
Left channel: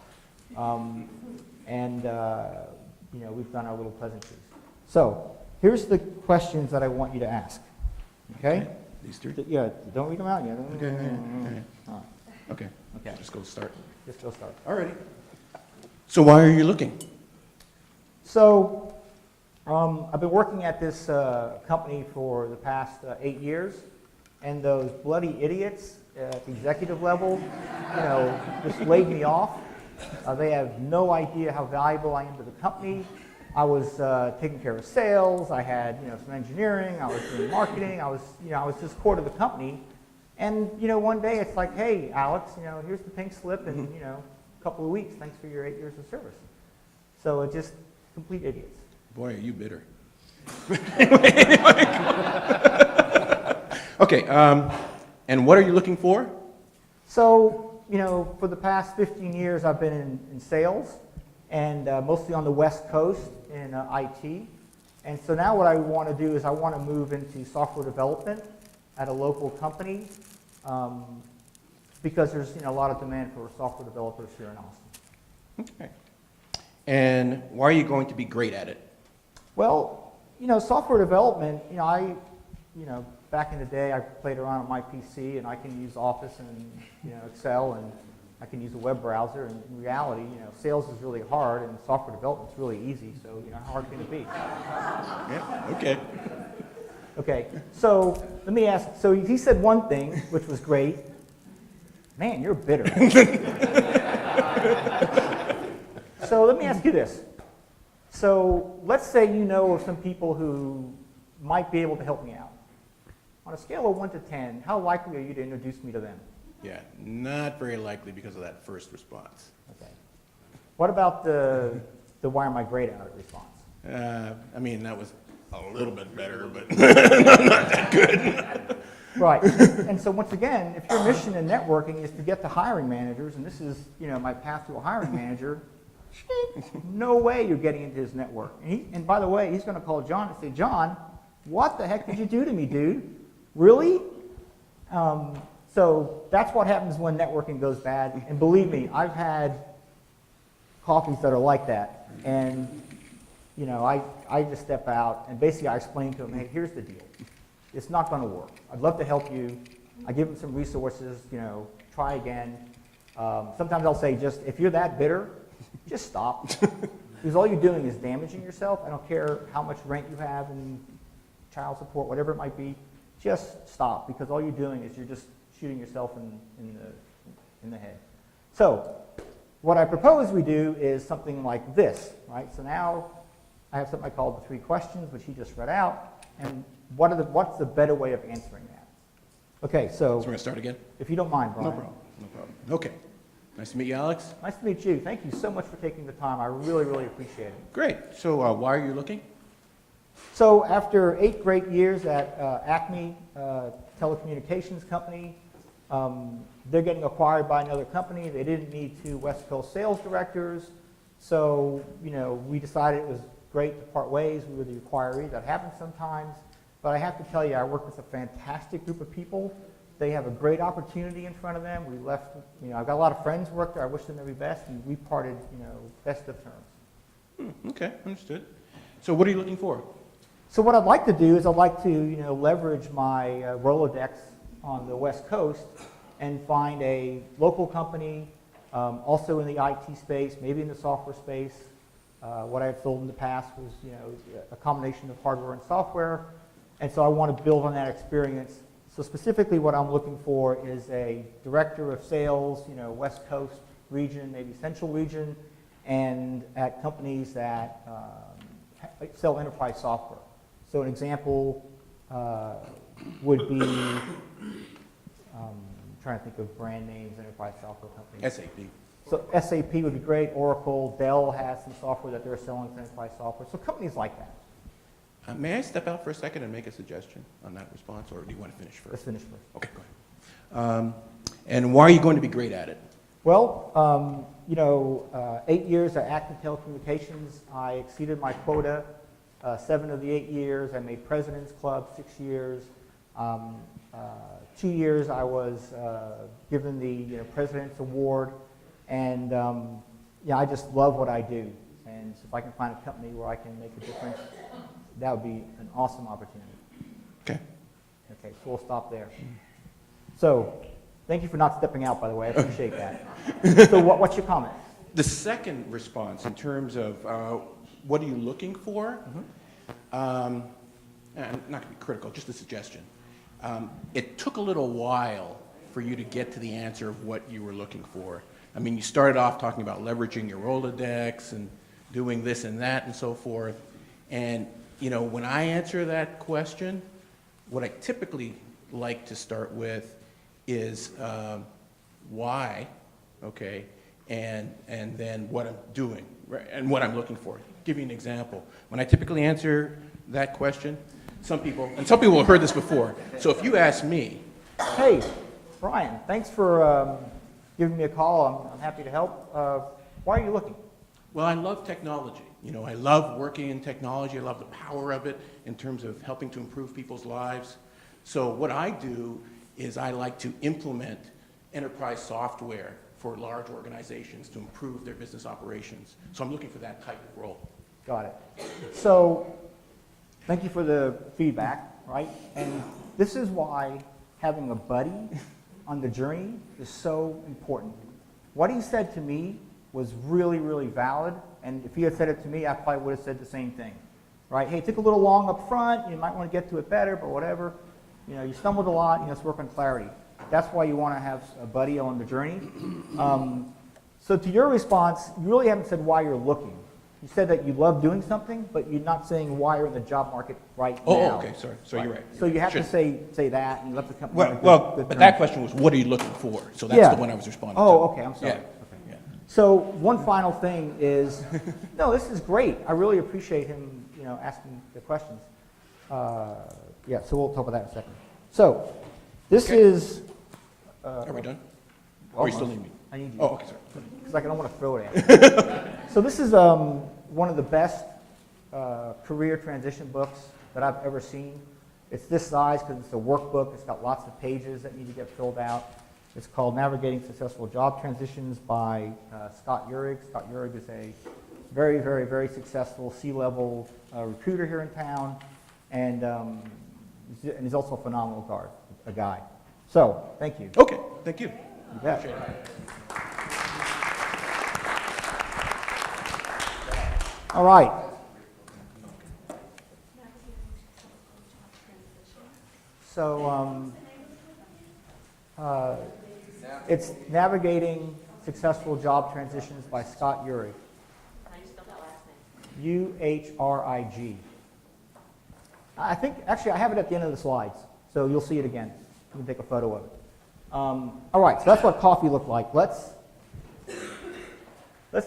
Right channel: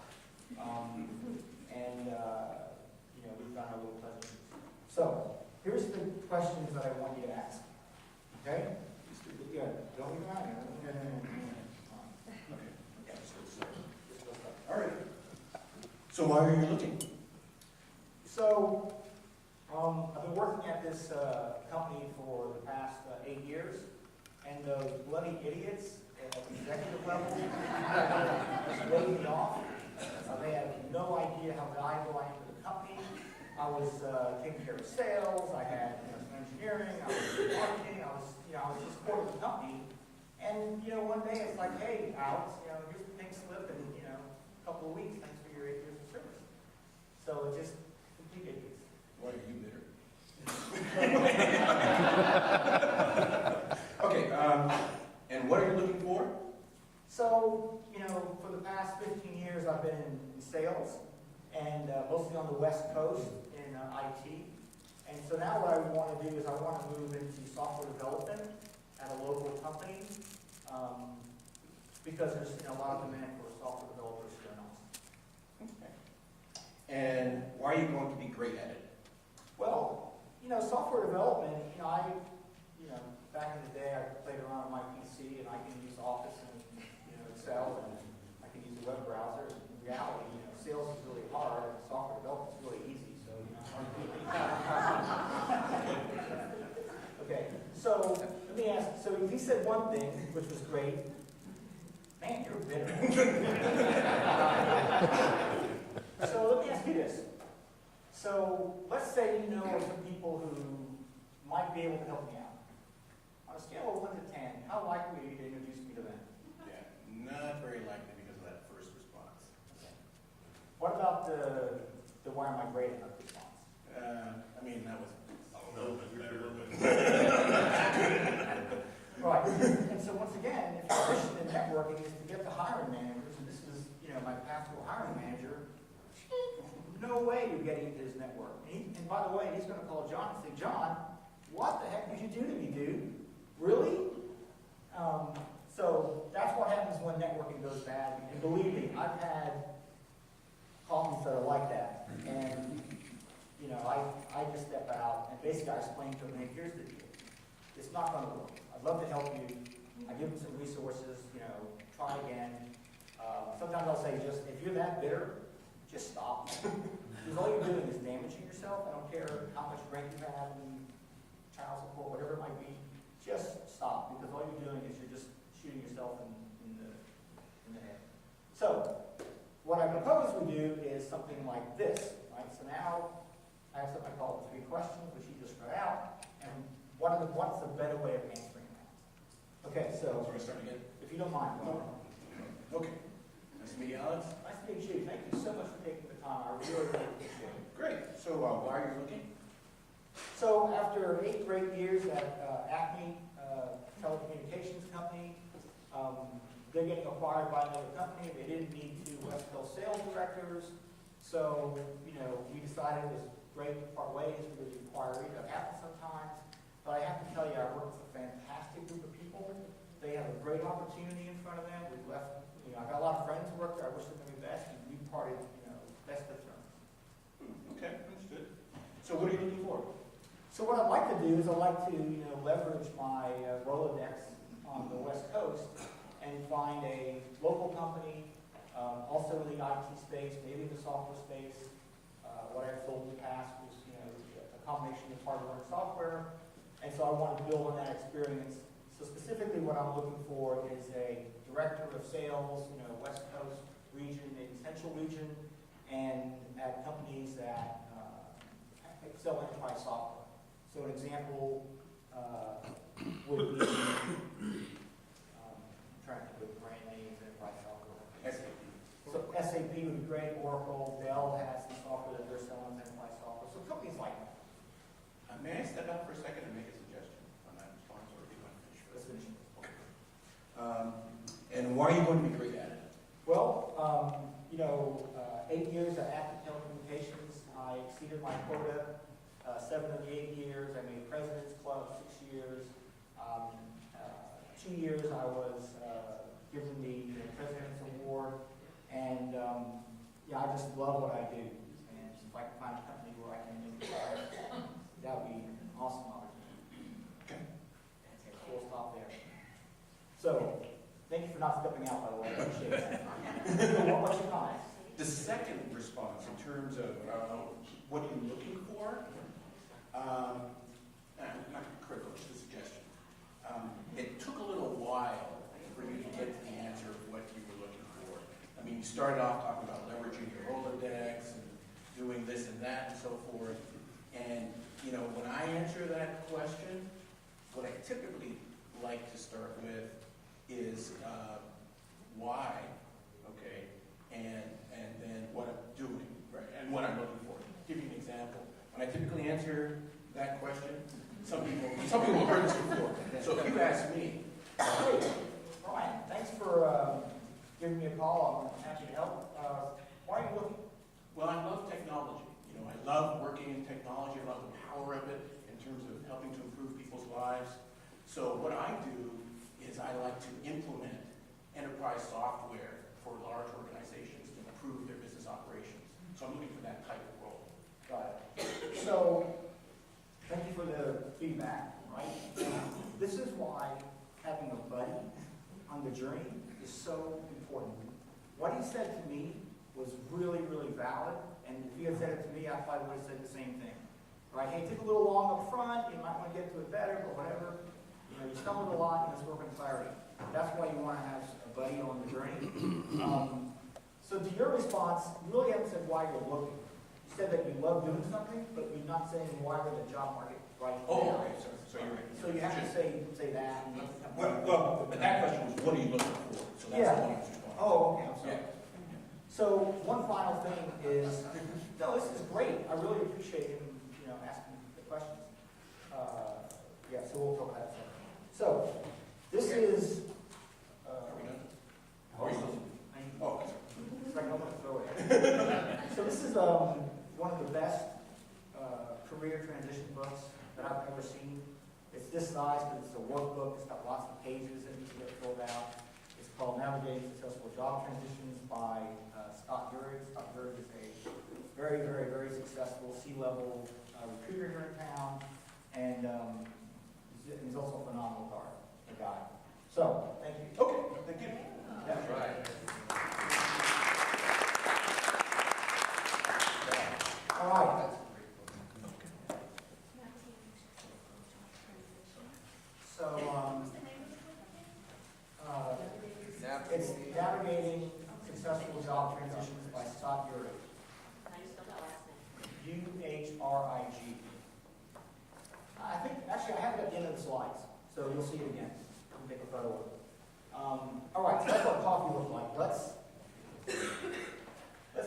We've done our little pleasantries. So here's the questions that I want you to ask. Okay? These 3? Yeah, don't read them out yet. Okay. Okay. Just go start. Just go start. All right. So why are you looking? So I've been working at this company for the past 8 years, and those bloody idiots at the executive level, just laid me off. They have no idea how valuable I am to the company. I was taking care of sales. I had some engineering. I was doing marketing. I was just core to the company. And one day it's like, hey, Alex, here's the pink slip, and a couple of weeks. Thanks for your 8 years of service. So it's just complete idiots. Boy, are you bitter. Okay, and what are you looking for? So, for the past 15 years, I've been in sales, and mostly on the West Coast in IT. And so now what I want to do is I want to move into software development at a local company, because there's a lot of demand for software developers here in Austin. Okay. And why are you going to be great at it? Well, software development, back in the day I played around with my PC, and I can use Office and Excel, and I can use a web browser. And in reality, sales is really hard, and software development is really easy. So how hard can it be? Okay. Okay. So let me ask. So he said one thing, which was great. Man, you're bitter. So let me ask you this. So let's say you know of some people who might be able to help me out. On a scale of 1 to 10, how likely are you to introduce me to them? Yeah, not very likely because of that first response. Okay. What about the why am I great at it response? That was a little bit better, but not that good. Right. And so once again, if your mission in networking is to get to hiring managers, and this is my path to a hiring manager, no way you're getting into his network. And by the way, he's going to call John and say, John, what the heck did you do to me, dude? Really? So that's what happens when networking goes bad. And believe me, I've had coffees that are like that. And, I just step out, and basically I explain to him, hey, here's the deal. It's not going to work. I'd love to help you. I give him some resources, try again. Sometimes I'll say, if you're that bitter, just stop. Because all you're doing is damaging yourself. I don't care how much rent you have and child support, whatever it might be. just stop, because all you're doing is you're just shooting yourself in the head. So what I propose we do is something like this, right? So now I have something I call the 3 questions, which he just read out, and what's the better way of answering that? Okay, So we're gonna start again? if you don't mind, No Brian. problem, no problem. Okay. Nice to meet you, Alex. Nice to meet you. Thank you so much for taking the time. I really, really appreciate it. Great. So why are you looking? So after 8 great years at Acme Telecommunications Company, they're getting acquired by another company. They didn't need 2 West Coast sales directors. So, we decided it was great to part ways. We were the acquiree. That happens sometimes. But I have to tell you, I work with a fantastic group of people. They have a great opportunity in front of them. We left, I've got a lot of friends who work there. I wish them the very best. And we parted, best of terms. Okay, understood. So what are you looking for? So what I'd like to do is I'd like to, leverage my Rolodex on the West Coast and find a local company, also in the IT space, maybe in the software space. What I've filled in the past was, a combination of hardware and software, and so I want to build on that experience. So specifically what I'm looking for is a director of sales, West Coast region, maybe Central region, and at companies that sell enterprise software. So an example would be, trying to think of brand names, enterprise software companies. SAP. So SAP would be great, Oracle, Dell has some software that they're selling as enterprise software. So companies like that. May I step out for a second and make a suggestion on that response, or do you want to finish Let's first? finish this. Okay, go ahead. And why are you going to be great at it? Well, 8 years at Acme Telecommunications, I exceeded my quota. 7 of the 8 years, I made President's Club. 6 years. 2 years, I was given the President's Award. And I just love what I do. And so if I can find a company where I can make a difference, that would be an awesome opportunity. Okay. Okay, so we'll stop there. So, thank you for not stepping out, by the way. I appreciate that. So what's your comment? The second response, in terms of what are you looking for, I'm not going to be critical, just a suggestion. It took a little while for you to get to the answer of what you were looking for. I mean, you started off talking about leveraging your Rolodex and doing this and that and so forth. And, when I answer that question, what I typically like to start with is why, okay, and then what I'm doing, right, and what I'm looking for. I'll give you an example. When I typically answer that question, some people have heard this before. So if you ask me, Hey, Brian, thanks for giving me a call. I'm happy to help. Why are you looking? well, I love technology. I love working in technology. I love the power of it in terms of helping to improve people's lives. So what I do is I like to implement enterprise software for large organizations to improve their business operations. So I'm looking for that type of role. Got it. So, thank you for the feedback, right? And this is why having a buddy on the journey is so important. What he said to me was really, really valid, and if he had said it to me, I probably would have said the same thing, right? Hey, it took a little long up front, you might want to get to it better, but whatever. You stumbled a lot, let's work on clarity. That's why you want to have a buddy on the journey. So to your response, you really haven't said why you're looking. You said that you love doing something, but you're not saying why you're in the job market right now. Oh, okay, sorry. So you're right. So you have Sure. to say that and let the company. But that question was, what are you looking for? So that's Yeah. the one I was responding to. Oh, okay, I'm sorry. Yeah. Yeah. So one final thing is, no, this is great. I really appreciate him, asking the questions. Yeah, so we'll talk about that in a second. So this Okay. is. Are we done? Or are you still almost. in me? I need Oh, okay, sorry. It's like I don't want to throw it at you. So this is one of the best career transition books that I've ever seen. It's this size because it's a workbook. It's got lots of pages that need to get filled out. It's called Navigating Successful Job Transitions by Scott Uhrig. Scott Uhrig is a very, very, very successful C-level recruiter here in town, and he's also a phenomenal guy. So, thank you. Okay, thank you. You bet. All right. So it's Navigating Successful Job Transitions by Scott Uhrig. How do you spell that last name? Uhrig. I think, actually, I have it at the end of the slides, so you'll see it again. You can take a photo of it. All right, so that's what coffee looked like. Let's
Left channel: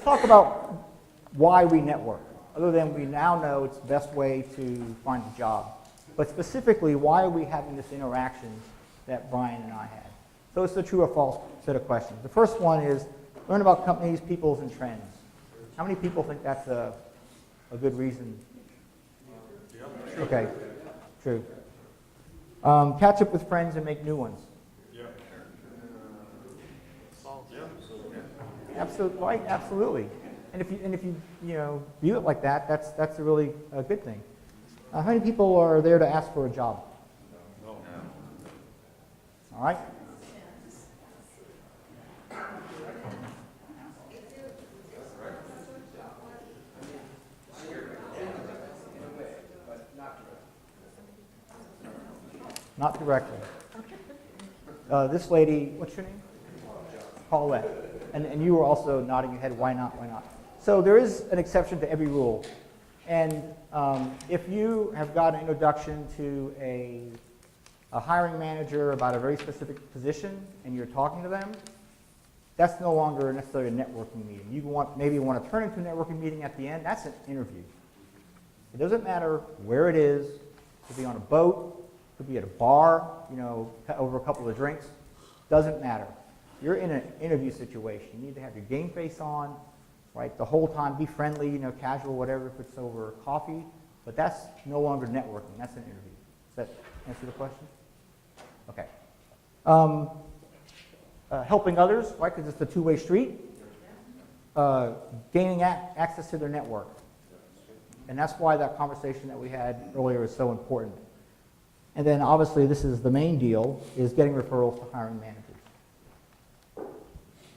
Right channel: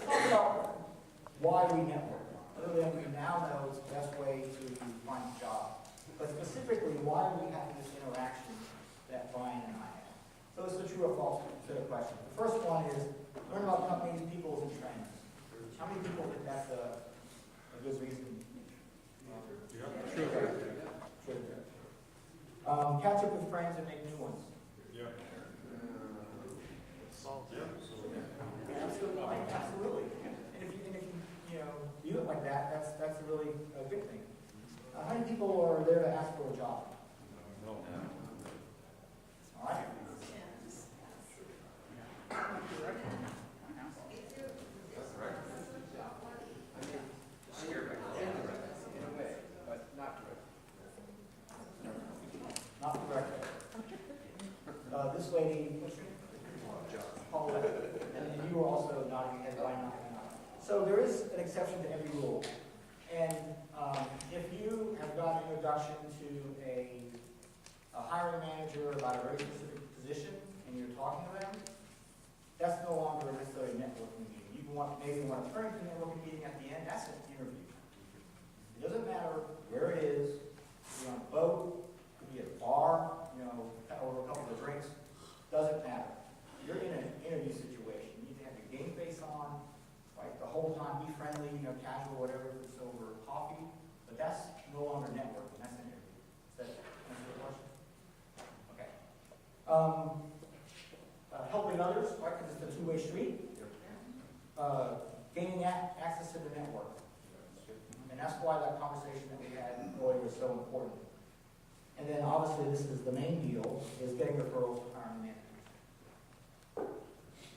talk about why we network, other than we now know it's the best way to find a job. But specifically, why are we having this interaction that Brian and I had? So it's a true or false set of questions. The first one is learn about companies, peoples, and trends. How many people think that's a good reason? Okay, true. Catch up with friends and make new ones. Absolutely, right, absolutely. And if you view it like that, that's a really good thing. How many people are there to ask for a job? No. All right. Not directly. This lady, what's your name? Paulette. And you were also nodding your head, why not, why not? So there is an exception to every rule. And if you have got an introduction to a hiring manager about a very specific position and you're talking to them, that's no longer necessarily a networking meeting. You maybe want to turn it into a networking meeting at the end. That's an interview. It doesn't matter where it is. It could be on a boat. It could be at a bar, over a couple of drinks. Doesn't matter. You're in an interview situation. You need to have your game face on, right? The whole time, be friendly, casual, whatever, if it's over coffee. But that's no longer networking. That's an interview. Does that answer the question? Okay. Helping others, right? Because it's a two-way street. Gaining access to their network. And that's why that conversation that we had earlier is so important. And then obviously this is the main deal, is getting referrals to hiring managers.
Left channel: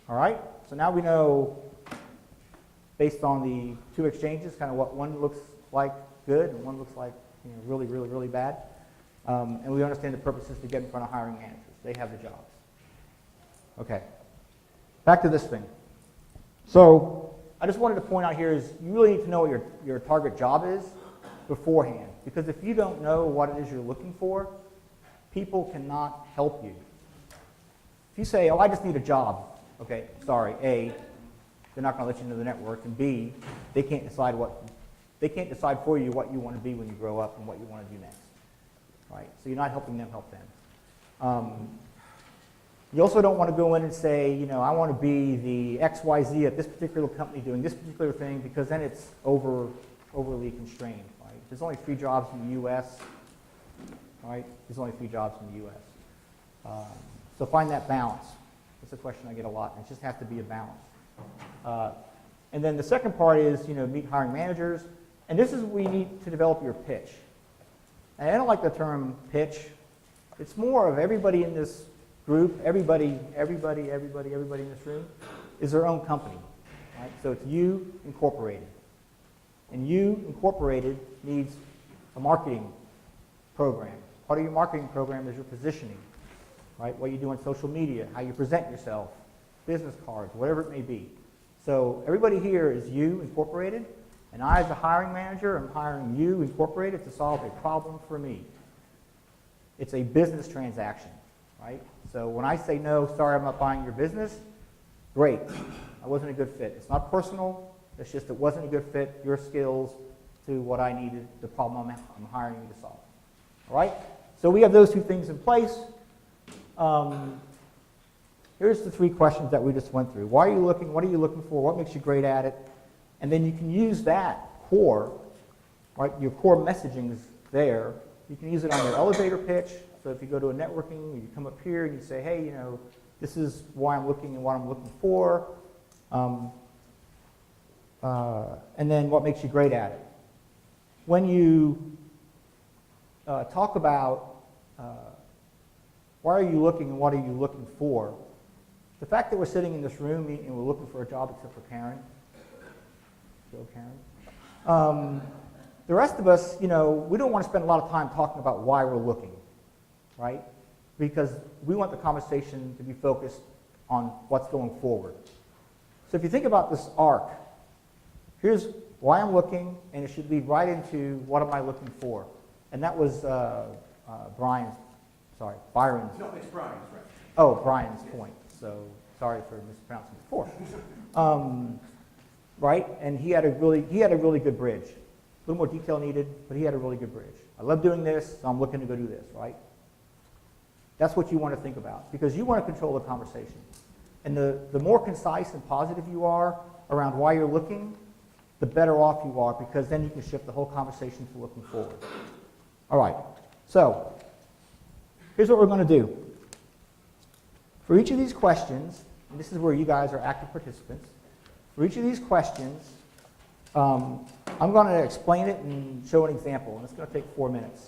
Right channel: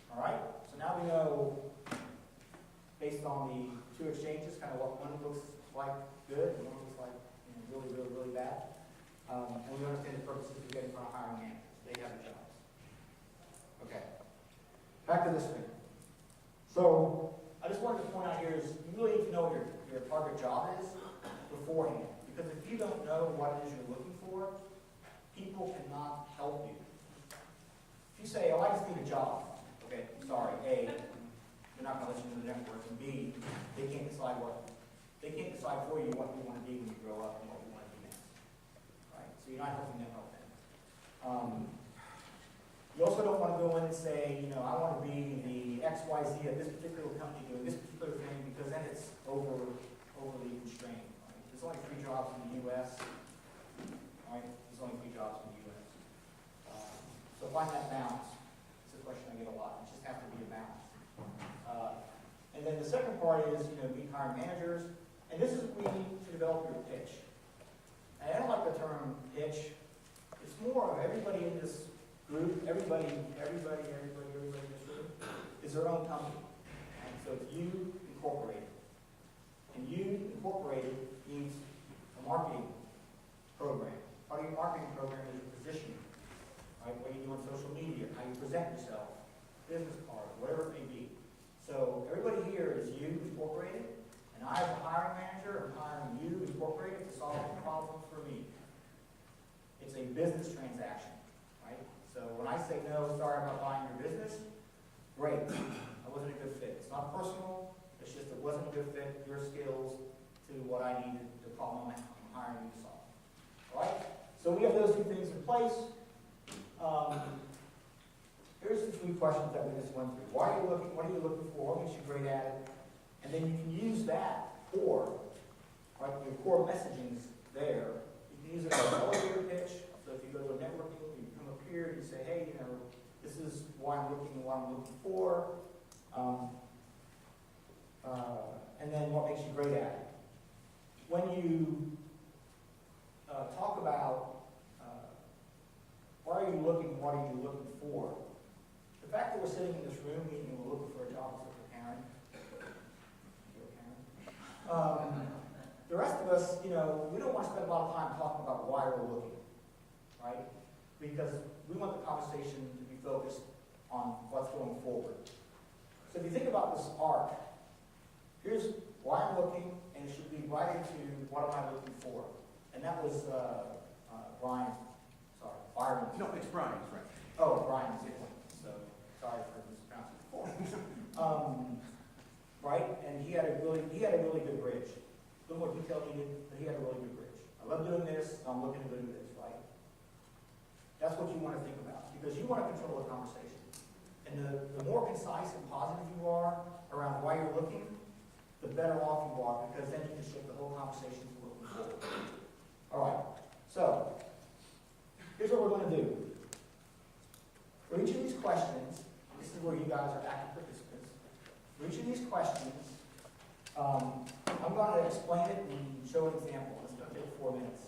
All right, so now we know, based on the two exchanges, kind of what one looks like good and one looks like really, really, really bad. And we understand the purposes to get in front of hiring managers. They have the jobs. Okay, back to this thing. So I just wanted to point out here is you really need to know what your target job is beforehand. Because if you don't know what it is you're looking for, people cannot help you. If you say, oh, I just need a job, okay, sorry, A, they're not going to let you into the network, and B, they can't decide for you what you want to be when you grow up and what you want to do next. Right? So you're not helping them help them. You also don't want to go in and say, I want to be the XYZ at this particular company doing this particular thing, because then it's overly constrained. Right? There's only 3 jobs in the U.S. Right? There's only 3 jobs in the U.S. So find that balance. It's a question I get a lot. It just has to be a balance. And then the second part is, meet hiring managers. And this is where you need to develop your pitch. And I don't like the term pitch. It's more of everybody in this group, everybody in this room is their own company. Right? So it's you incorporated. And you incorporated needs a marketing program. Part of your marketing program is your positioning. Right? What you do on social media, how you present yourself, business cards, whatever it may be. So everybody here is you incorporated, and I as a hiring manager am hiring you incorporated to solve a problem for me. It's a business transaction, right? So when I say no, sorry, I'm not buying your business, great, I wasn't a good fit. It's not personal, it's just it wasn't a good fit, your skills to what I needed, the problem I'm hiring you to solve. All right? So we have those 2 things in place. Here's the 3 questions that we just went through. Why are you looking? What are you looking for? What makes you great at it? And then you can use that core, right? Your core messaging is there. You can use it on an elevator pitch. So if you go to a networking, you come up here, you say, hey, this is why I'm looking and what I'm looking for. And then what makes you great at it. When you talk about why are you looking and what are you looking for, the fact that we're sitting in this room and we're looking for a job, except for Karen. The rest of us, we don't want to spend a lot of time talking about why we're looking. right? Because we want the conversation to be focused on what's going forward. So if you think about this arc, here's why I'm looking, and it should lead right into what am I looking for. And that was Byron's. No, it's Brian's, right? Oh, Brian's point. So sorry for mispronouncing before. Right, and he had a really good bridge. A little more detail needed, but he had a really good bridge. I love doing this, so I'm looking to go do this, right? That's what you want to think about, because you want to control the conversation. And the more concise and positive you are around why you're looking, the better off you are, because then you can shift the whole conversation to looking forward. All right, so here's what we're going to do. For each of these questions, and this is where you guys are active participants, for each of these questions, I'm going to explain it and show an example, and it's going to take 4 minutes.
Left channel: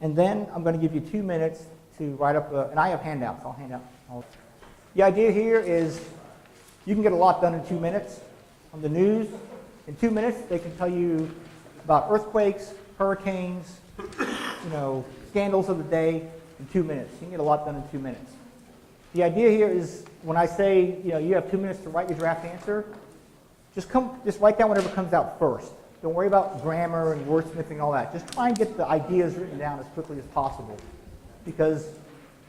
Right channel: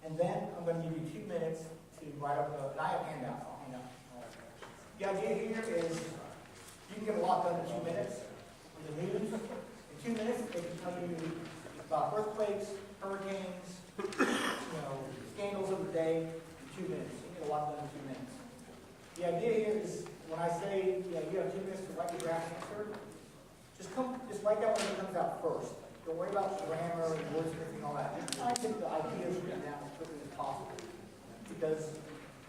And then I'm going to give you 2 minutes to write up, and I have handouts. I'll hand out. The idea here is you can get a lot done in 2 minutes. On the news, in 2 minutes, they can tell you about earthquakes, hurricanes, scandals of the day in 2 minutes. You can get a lot done in 2 minutes. The idea here is when I say, you have 2 minutes to write your draft answer, just write down whatever comes out first. Don't worry about grammar and wordsmithing and all that. Just try and get the ideas written down as quickly as possible, because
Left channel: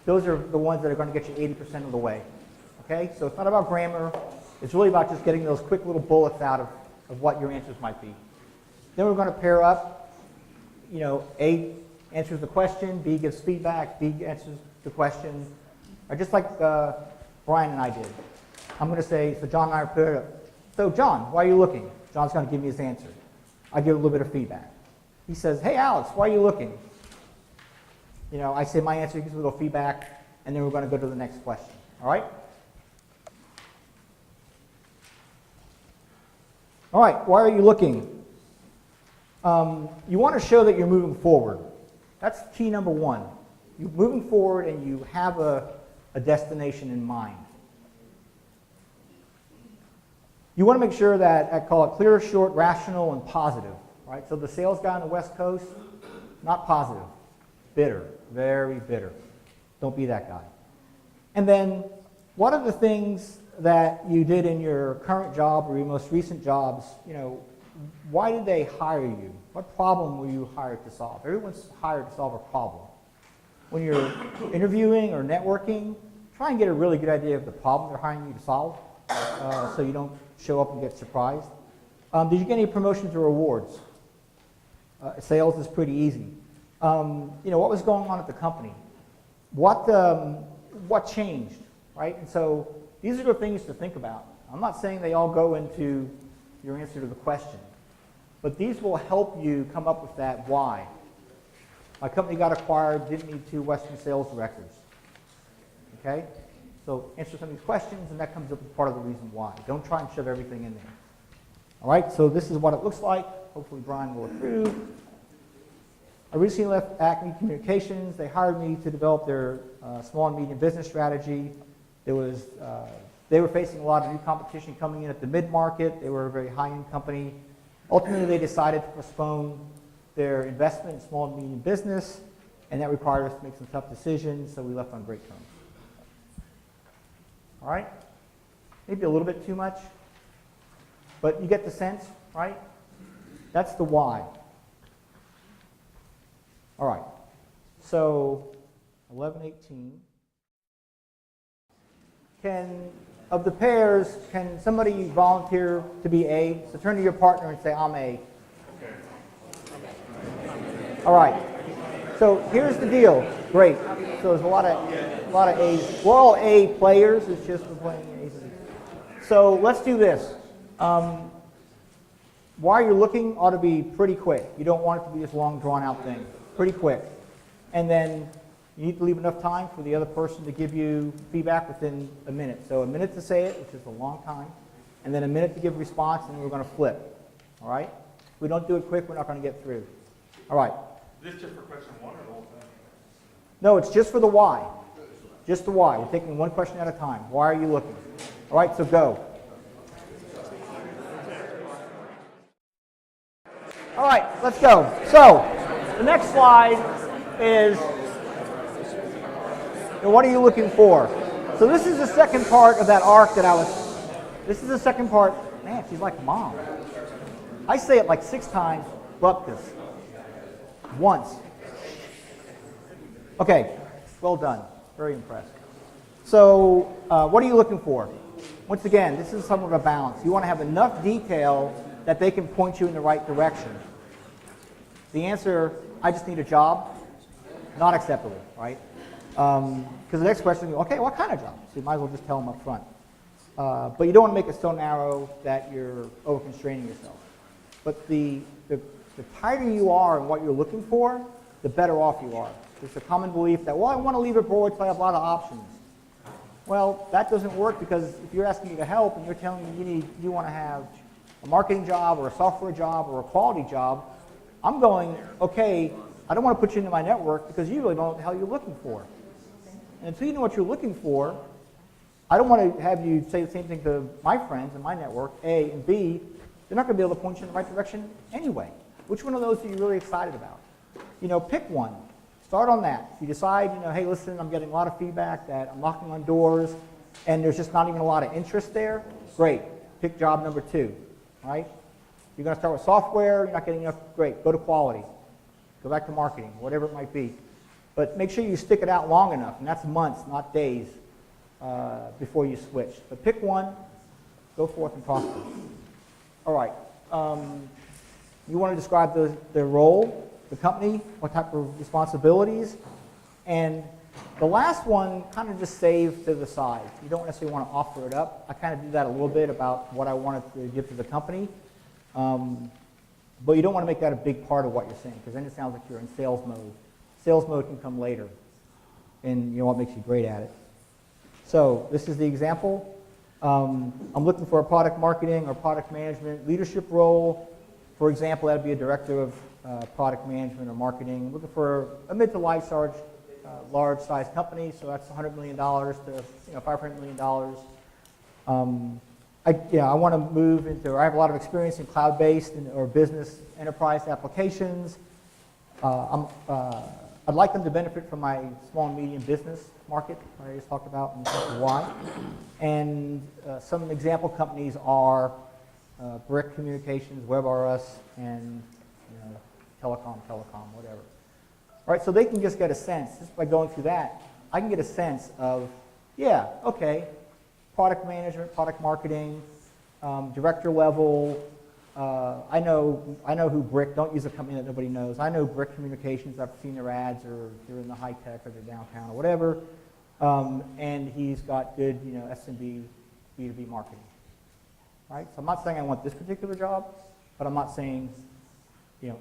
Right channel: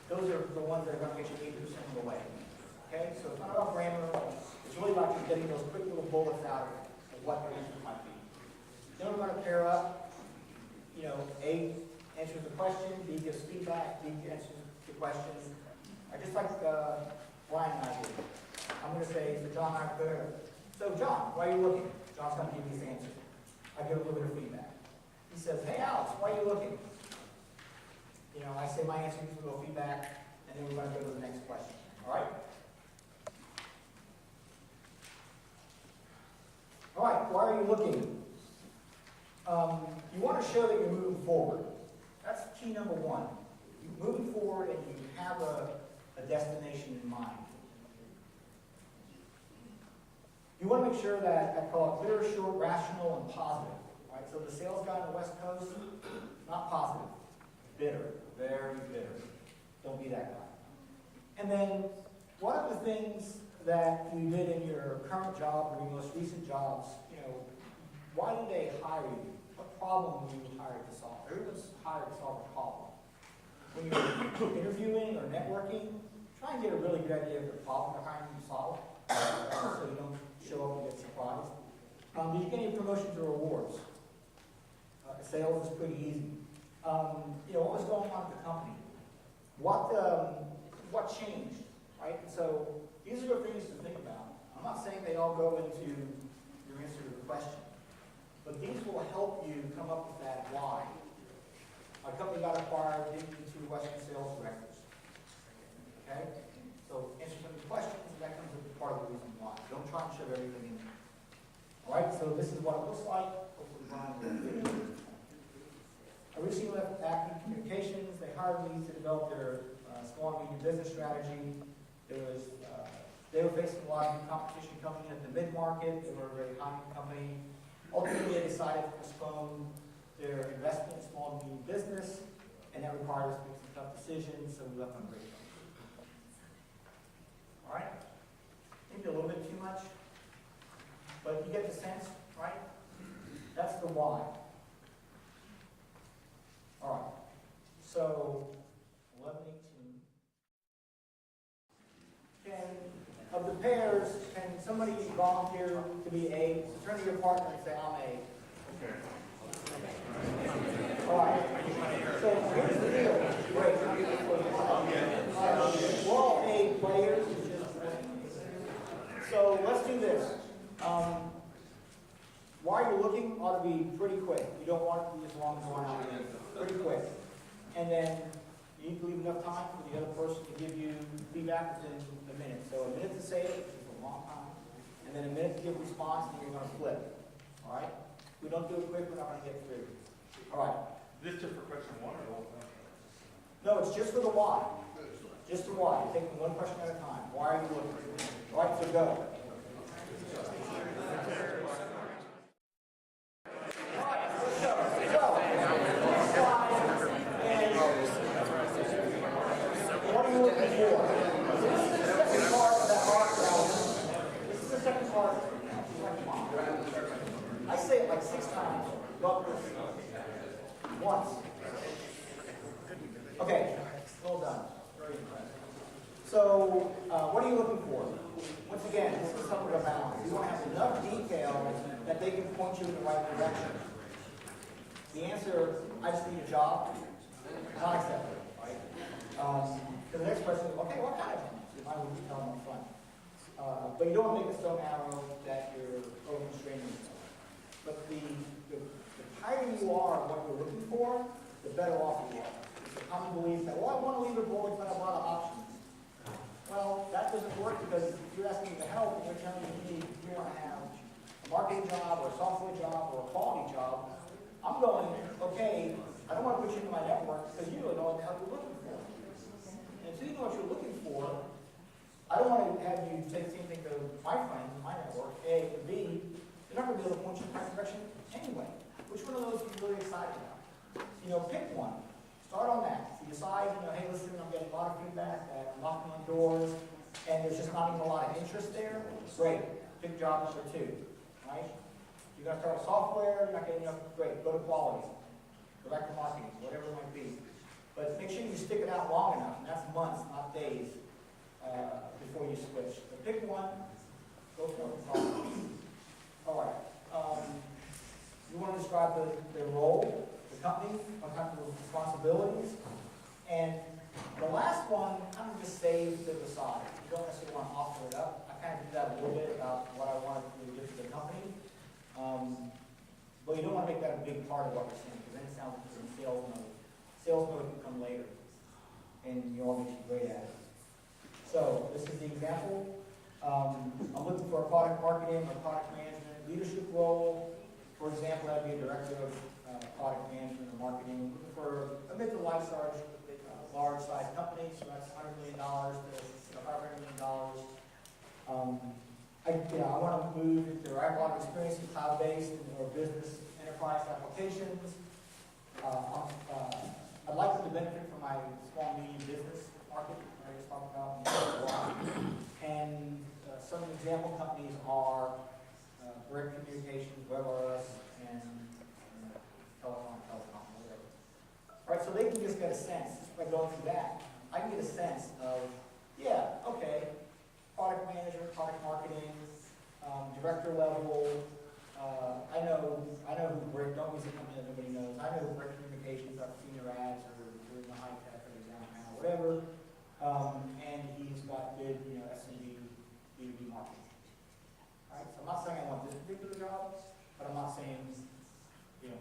those are the ones that are going to get you 80% of the way. Okay? So it's not about grammar. It's really about just getting those quick little bullets out of what your answers might be. Then we're going to pair up. A answers the question, B gives feedback, B answers the question. Or just like Brian and I did. I'm going to say, so John and I are paired up. So John, why are you looking? John's going to give me his answer. I give a little bit of feedback. He says, hey Alex, why are you looking? I say my answer, he gives a little feedback, and then we're going to go to the next question. All right? All right, why are you looking? You want to show that you're moving forward. That's key number one. You're moving forward and you have a destination in mind. You want to make sure that I call it clear, short, rational, and positive. Right? So the sales guy on the West Coast, not positive, bitter, very bitter. Don't be that guy. And then, what are the things that you did in your current job or your most recent jobs? Why did they hire you? What problem were you hired to solve? Everyone's hired to solve a problem. When you're interviewing or networking, try and get a really good idea of the problem they're hiring you to solve, so you don't show up and get surprised. Did you get any promotions or awards? Sales is pretty easy. What was going on at the company? What changed, right? And so these are the things to think about. I'm not saying they all go into your answer to the question, but these will help you come up with that why. My company got acquired, didn't need 2 Western sales directors. Okay? So answer some of these questions, and that comes up as part of the reason why. Don't try and shove everything in there. All right, so this is what it looks like. Hopefully Brian will approve. I recently left Acme Communications. They hired me to develop their small and medium business strategy. They were facing a lot of new competition coming in at the mid-market. They were a very high-end company. Ultimately, they decided to postpone their investment in small and medium business, and that required us to make some tough decisions, so we left on great terms. All right? Maybe a little bit too much, but you get the sense, right? That's the why. All right. So, 11:18. Of the pairs, can somebody volunteer to be A? So turn to your partner and say, I'm A. All right. So here's the deal. Great. So there's a lot of A's. We're all A players. It's just A's. So let's do this. Why you're looking ought to be pretty quick. You don't want it to be this long, drawn-out thing. Pretty quick. And then you need to leave enough time for the other person to give you feedback within a minute. So a minute to say it, which is a long time, and then a minute to give a response, and we're going to flip. All right? If we don't do it quick, we're not going to get through. All right. Is this just for question 1 or the whole thing? No, it's just for the why. Just the why. You're taking one question at a time. Why are you looking? All right, so go. All right, let's go. So the next slide is So what are you looking for? So this is the second part of that arc that I was, this is the second part. Man, she's like mom. I say it like 6 times, but this. Once. Okay, well done. Very impressed. So what are you looking for? Once again, this is somewhat of a balance. You want to have enough detail that they can point you in the right direction. The answer, I just need a job, not acceptable, right? Because the next question is, okay, what kind of job? So you might as well just tell them up front. But you don't want to make it so narrow that you're over-constraining yourself. But the tighter you are in what you're looking for, the better off you are. There's a common belief that, well, I want to leave it broad so I have a lot of options. Well, that doesn't work because if you're asking me to help and you're telling me you want to have a marketing job or a software job or a quality job, I'm going, okay, I don't want to put you into my network because you really don't know what the hell you're looking for. And until you know what you're looking for, I don't want to have you say the same thing to my friends in my network, A, and B, they're not going to be able to point you in the right direction anyway. Which one of those are you really excited about? You know, pick one. Start on that. If you decide, you know, hey, listen, I'm getting a lot of feedback that I'm knocking on doors and there's just not even a lot of interest there, great. Pick job number 2, right? You're going to start with software, you're not getting enough, great. Go to quality. Go back to marketing, whatever it might be. But make sure you stick it out long enough, and that's months, not days, before you switch. But pick one, go forth and talk to them. All right. You want to describe the role, the company, what type of responsibilities, and the last one kind of just save to the side. You don't necessarily want to offer it up. I kind of do that a little bit about what I wanted to give to the company, but you don't want to make that a big part of what you're saying because then it sounds like you're in sales mode. Sales mode can come later, and you know what makes you great at it. So this is the example. I'm looking for a product marketing or product management leadership role. For example, that would be a director of product management or marketing. Looking for a mid to large size company, so that's $100 million to $500 million. I want to move into, I have a lot of experience in cloud-based or business enterprise applications. I'd like them to benefit from my small and medium business market, that I just talked about, and why. And some example companies are Brick Communications, WebRS, and Telecom, whatever. All right, so they can just get a sense, just by going through that, I can get a sense of, yeah, okay, product management, product marketing, director level. I know who Brick, don't use a company that nobody knows. I know Brick Communications, I've seen their ads, or they're in the high tech, or they're downtown, or whatever. And he's got good, SMB, B2B marketing. Right? So I'm not saying I want this particular job, but I'm not saying,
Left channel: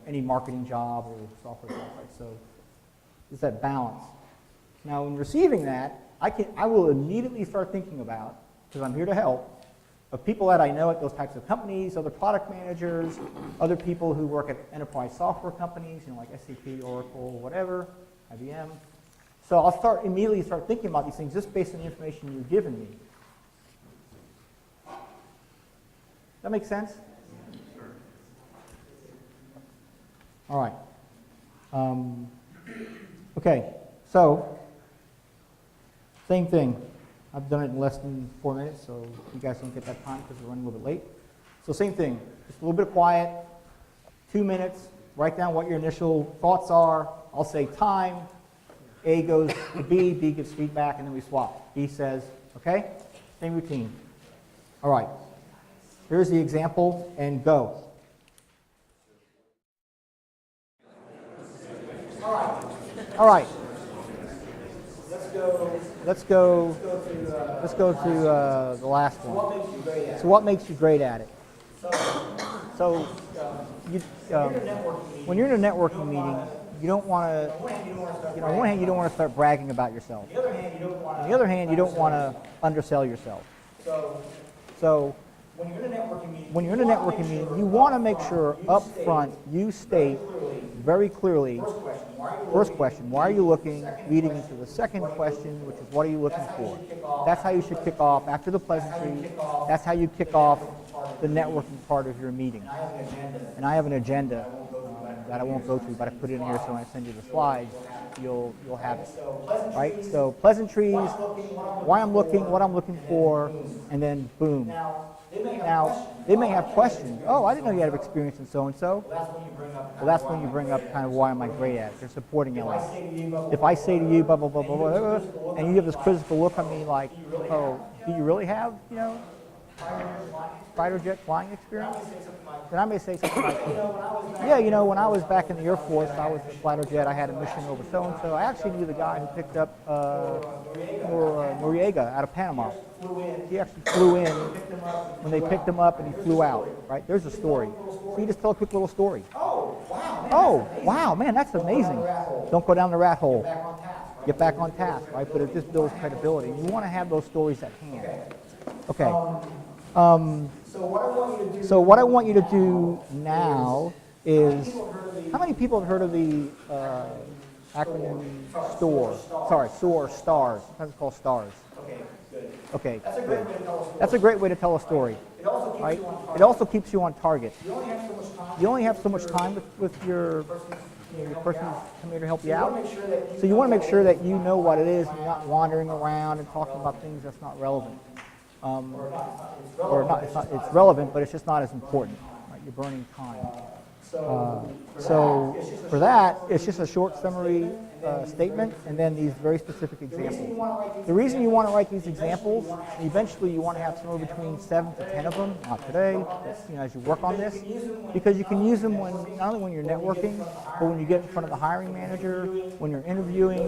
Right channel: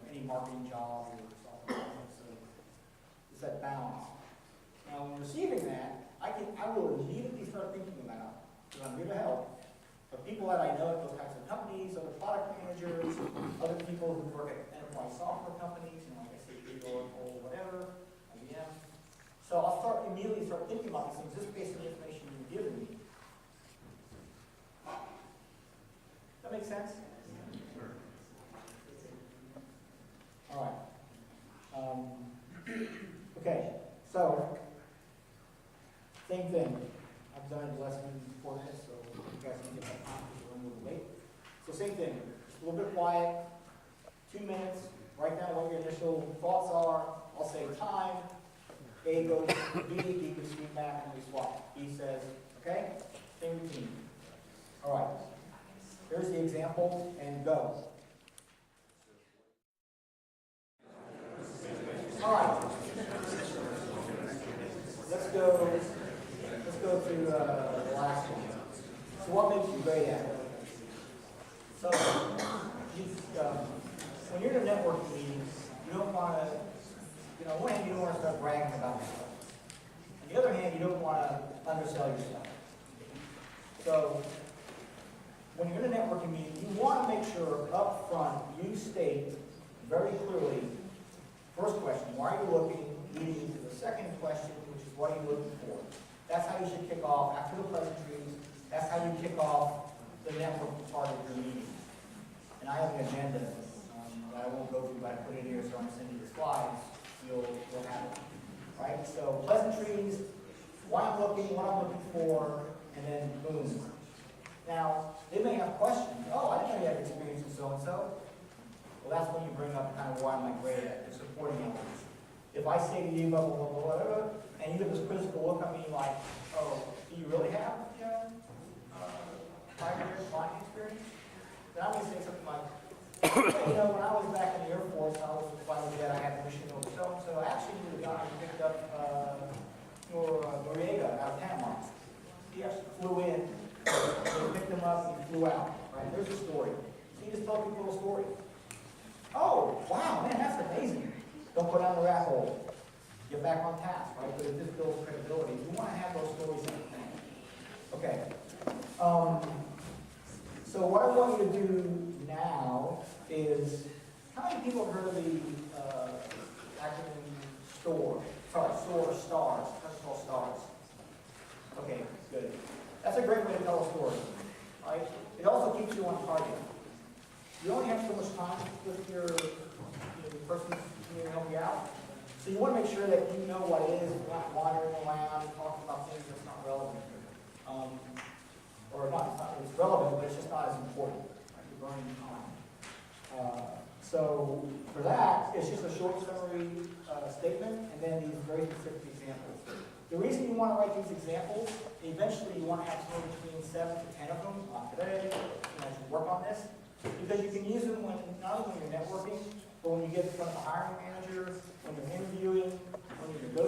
any marketing job or software job. So it's that balance. Now, in receiving that, I will immediately start thinking about, because I'm here to help, of people that I know at those types of companies, other product managers, other people who work at enterprise software companies, like SAP, Oracle, whatever, IBM. So I'll immediately start thinking about these things just based on the information you've given me. That make sense? Sure. All right. Okay, so same thing. I've done it in less than 4 minutes, so you guys can get that time because we're running a little bit late. So same thing, just a little bit quiet, 2 minutes, write down what your initial thoughts are. I'll say time, A goes to B, B gives feedback, and then we swap. B says, okay, same routine. All right, here's the example, and go. All right. Let's go to the last one. So what makes you great at it? So what makes you great at it? When you're in a networking meeting, you don't want to. On one hand, you don't want to start bragging about yourself. On the other hand, you don't want to undersell yourself. So when you're in a networking meeting, you want to make sure up front you state very clearly, first question, why are you looking, leading into the second question, which is what are you looking for? That's how you should kick off after the pleasantry. That's how you kick off the networking part of your meeting. And I have an agenda that I won't go through, but I put it in here so when I send you the slides, you'll have it. Right? So pleasantries, why I'm looking, what I'm looking for, and then boom. Now, they may have questions. Oh, I didn't know you had experience in so-and-so. Well, that's when you bring up kind of why am I great at it. They're supporting elements. If I say to you, blah, blah, blah, blah, blah, and you give this quizzical look at me like, oh, do you really have, fighter jet flying experience? And I may say something like, yeah, when I was back in the Air Force, I was a fighter jet, I had a mission over so-and-so. I actually knew the guy who picked up Noriega out of Panama. He actually flew in when they picked him up and he flew out, right? There's a story. So you just tell a quick little story. Oh, wow, man, that's amazing. Don't go down the rat hole. Get back on task, right? But it just builds credibility. You want to have those stories at hand. Okay. So what I want you to do now is, how many people have heard of the acronym STAR? Sorry, STARS. That's called STARS. Okay, good. Okay. That's a great way to tell a story. That's a great way to tell a story. It also keeps you on target. It also keeps you on target. You only have so much time with your person here to help you out. So you want to make sure that you know what it is and you're not wandering around and talking about things that's not relevant. It's relevant, but it's just not as important. Right? You're burning time. So for that, it's just a short summary statement, and then these very specific examples. The reason you want to write these examples, eventually you want to have somewhere between 7 to 10 of them, not today, as you work on this, because you can use them not only when you're networking, but when you get in front of the hiring manager, when you're interviewing,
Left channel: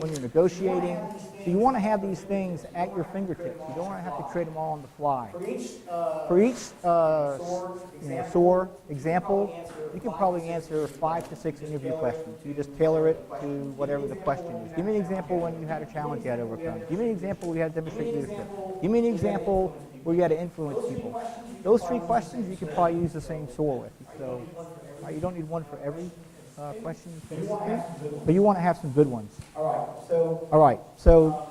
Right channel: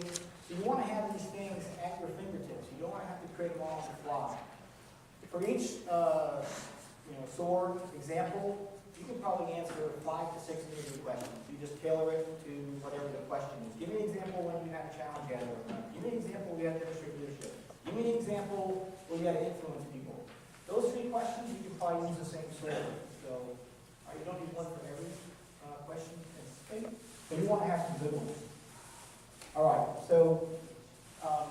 when you're negotiating. So you want to have these things at your fingertips. You don't want to have to create them all on the fly. For each SOAR example, you can probably answer 5 to 6 interview questions. You just tailor it to whatever the question is. Give me an example when you had a challenge you had to overcome. Give me an example where you had to demonstrate leadership. Give me an example where you had to influence people. Those 3 questions you can probably use the same SOAR with. So you don't need one for every question. But you want to have some good ones. All right. So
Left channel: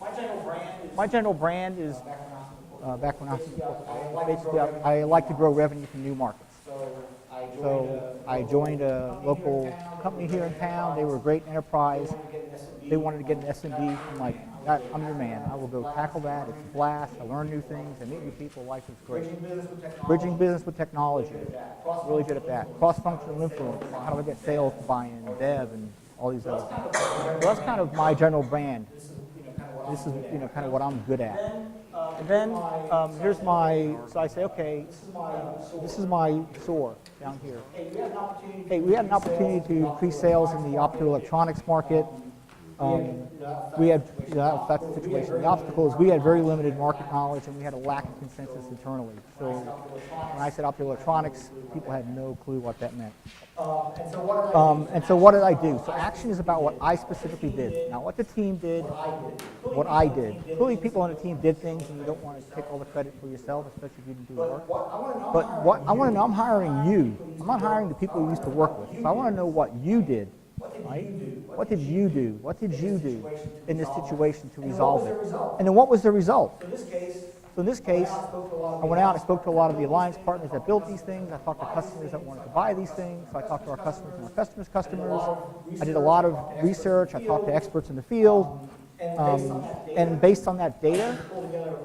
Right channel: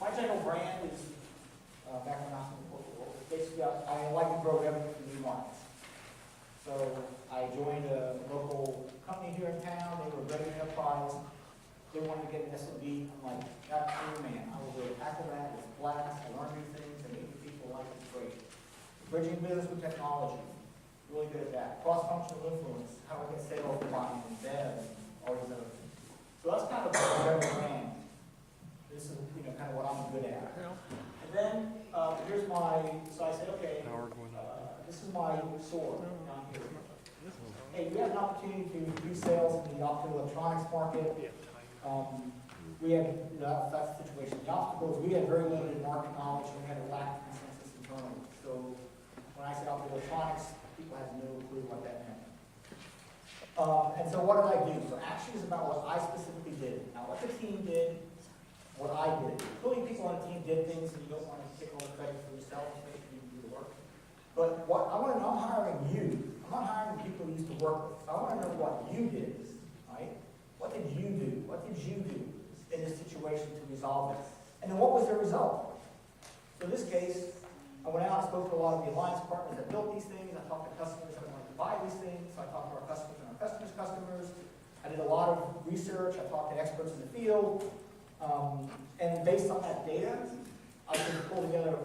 my general brand is back when I like to grow revenue from new markets. So I joined a local company here in town. They were a great enterprise. They wanted to get an SMD. I'm like, I'm your man. I will go tackle that, flash, I learn new things, and meet new people. Life is great. Bridging business with technology. Really good at that. Cross-functional influence. How do I get sales buy-in, dev, and all these other things. So that's kind of my general brand. This is kind of what I'm good at. Then here's my, so I say, okay, this is my SOAR down here. Hey, we had an opportunity to do pre-sales in the optoelectronics market. We had, the obstacle is we had very limited market knowledge and we had a lack of consensus internally. So when I said optoelectronics, people had no clue what that meant. And so what did I do? So action is about what I specifically did. Now what the team did, what I did. Clearly people on the team did things and you don't want to take all the credit for yourself, especially if you didn't do the work. But what I want to know, I'm hiring you. I'm not hiring the people who used to work with. So I want to know what you did. Right? What did you do? What did you do in this situation to resolve it? And then what was the result? So in this case, I went out and spoke to a lot of the alliance partners that built these things. I talked to customers that wanted to buy these things. So I talked to our customers' customers. I did a lot of research. I talked to experts in the field. And based on that data,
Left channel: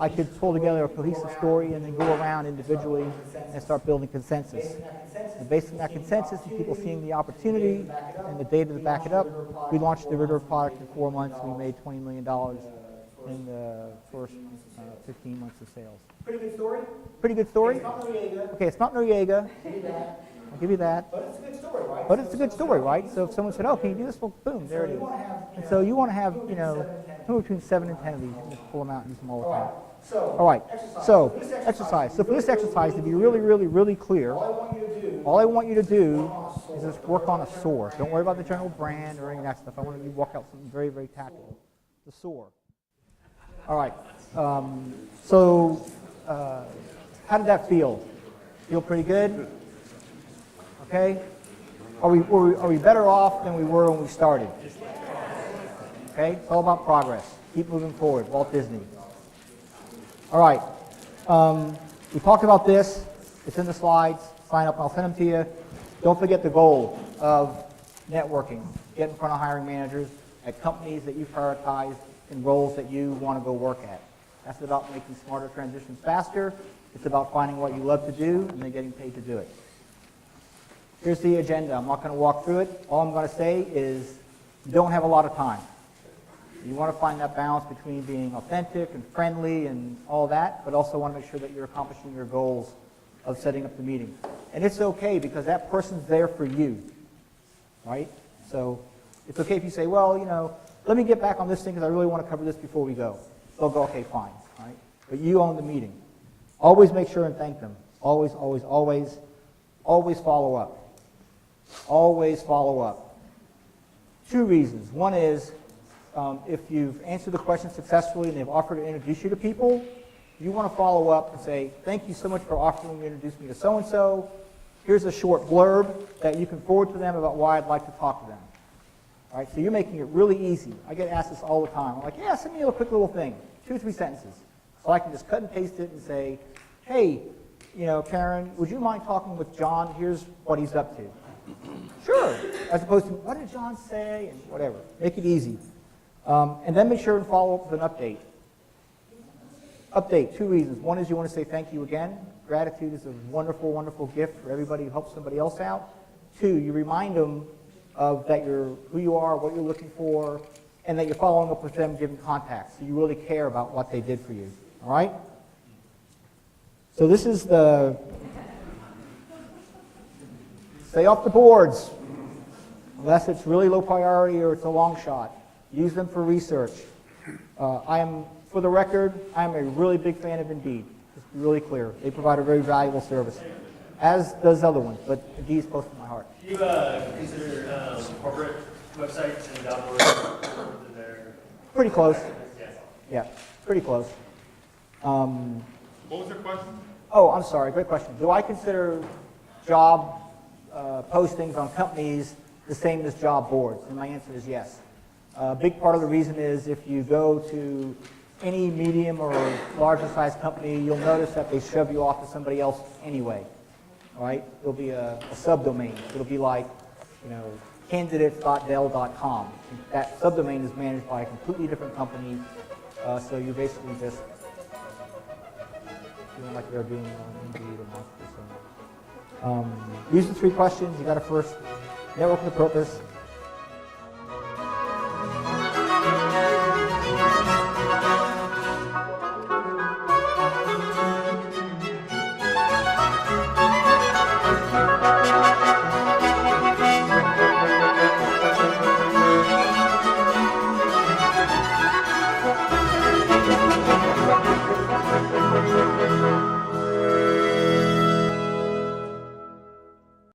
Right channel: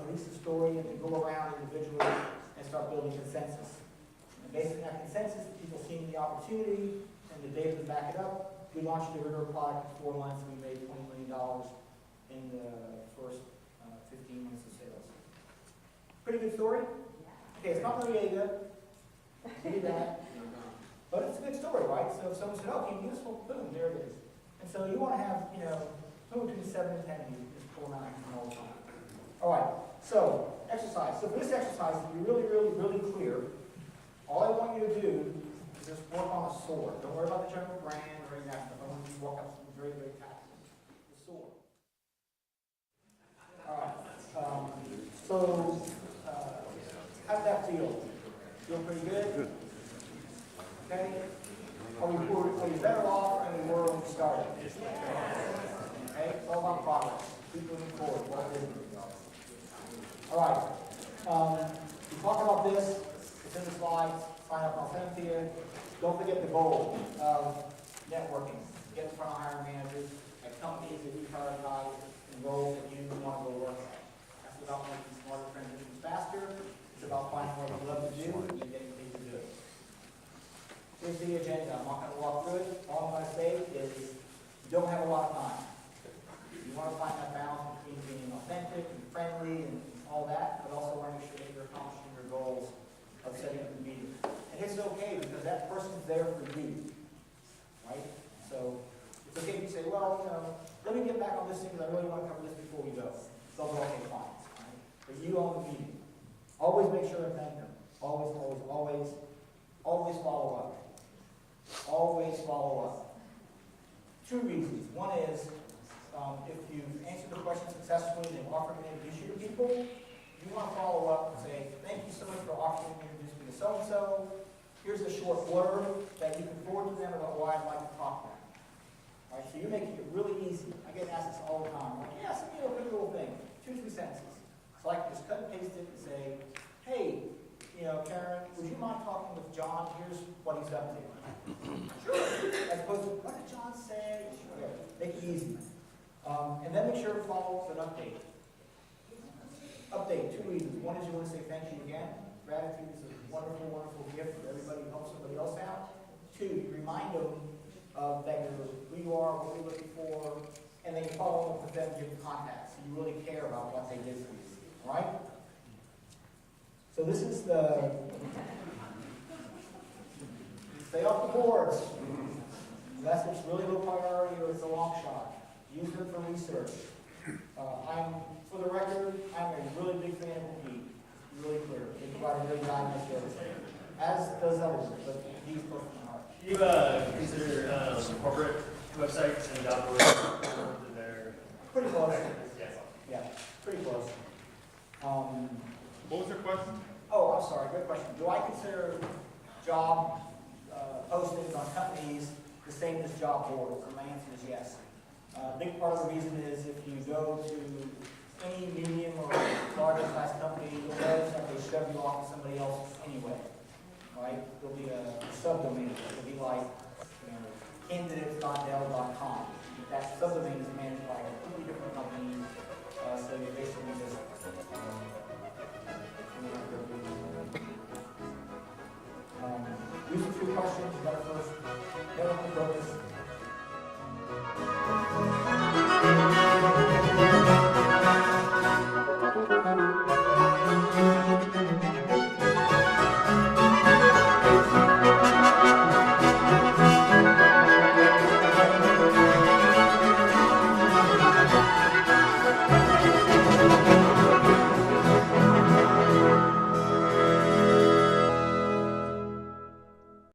I could pull together a cohesive story and then go around individually and start building consensus. And based on that consensus and people seeing the opportunity and the data to back it up, we launched the Ritter product in 4 months. We made $20 million in the first 15 months of sales. Pretty good story? Pretty good story? It's not Noriega. Okay, it's not Noriega. I'll give you that. But it's a good story, right? But it's a good story, right? So if someone said, oh, can you do this? Well, boom, there it is. So you want to have, somewhere between 7 and 10 of these. Just pull them out and use them all the time. All right, so exercise. So for this exercise, to be really, really, really clear, all I want you to do is just work on a SOAR. Don't worry about the general brand or any of that stuff. I want you to walk out something very, very tactical. The SOAR. All right. How did that feel? Feel pretty good? Okay. Are we better off than we were when we started? Okay. It's all about progress. Keep moving forward. Walt Disney. All right. We talked about this. It's in the slides. Sign up. I'll send them to you. Don't forget the goal of networking. Get in front of hiring managers at companies that you prioritize and roles that you want to go work at. That's about making smarter transitions faster. It's about finding what you love to do and then getting paid to do it. Here's the agenda. I'm not going to walk through it. All I'm going to say is you don't have a lot of time. You want to find that balance between being authentic and friendly and all that, but also want to make sure that you're accomplishing your goals of setting up the meeting. And it's okay because that person's there for you, right? So it's okay if you say, well, you know, let me get back on this thing because I really want to cover this before we go. They'll go, okay, fine, right? But you own the meeting. Always make sure and thank them. Always, always, always, always follow up. Always follow up. 2 reasons. One is, if you've answered the question successfully and they've offered to introduce you to people, you want to follow up and say, thank you so much for offering to introduce me to so-and-so. Here's a short blurb that you can forward to them about why I'd like to talk to them. All right, so you're making it really easy. I get asked this all the time. I'm like, yeah, send me a quick little thing, 2 or 3 sentences. So I can just cut and paste it and say, hey, you know, Karen, would you mind talking with John? Here's what he's up to. Sure. As opposed to, what did John say? And whatever. Make it easy. And then make sure and follow up with an update. Update, 2 reasons. One is you want to say thank you again. Gratitude is a wonderful, wonderful gift for everybody who helps somebody else out. 2, you remind them of that you're who you are, what you're looking for, and that you're following up with them, giving contacts. So you really care about what they did for you. All right? So this is the stay off the boards, unless it's really low priority or it's a long shot. Use them for research. For the record, I'm a really big fan of Indeed. Just to be really clear. They provide a very valuable service, as does other ones, but Indeed's close to my heart. Do you consider corporate websites and job boards that they're Pretty close. Yes. Yeah, pretty close. What was your question? Oh, I'm sorry, great question. Do I consider job postings on companies the same as job boards? And my answer is yes. A big part of the reason is if you go to any medium or larger size company, you'll notice that they shove you off to somebody else anyway. All right? There'll be a subdomain. It'll be like, you know, candidates.dell.com. That subdomain is managed by a completely different company, so you basically just feel like you're being use the 3 questions. You got to first network with purpose,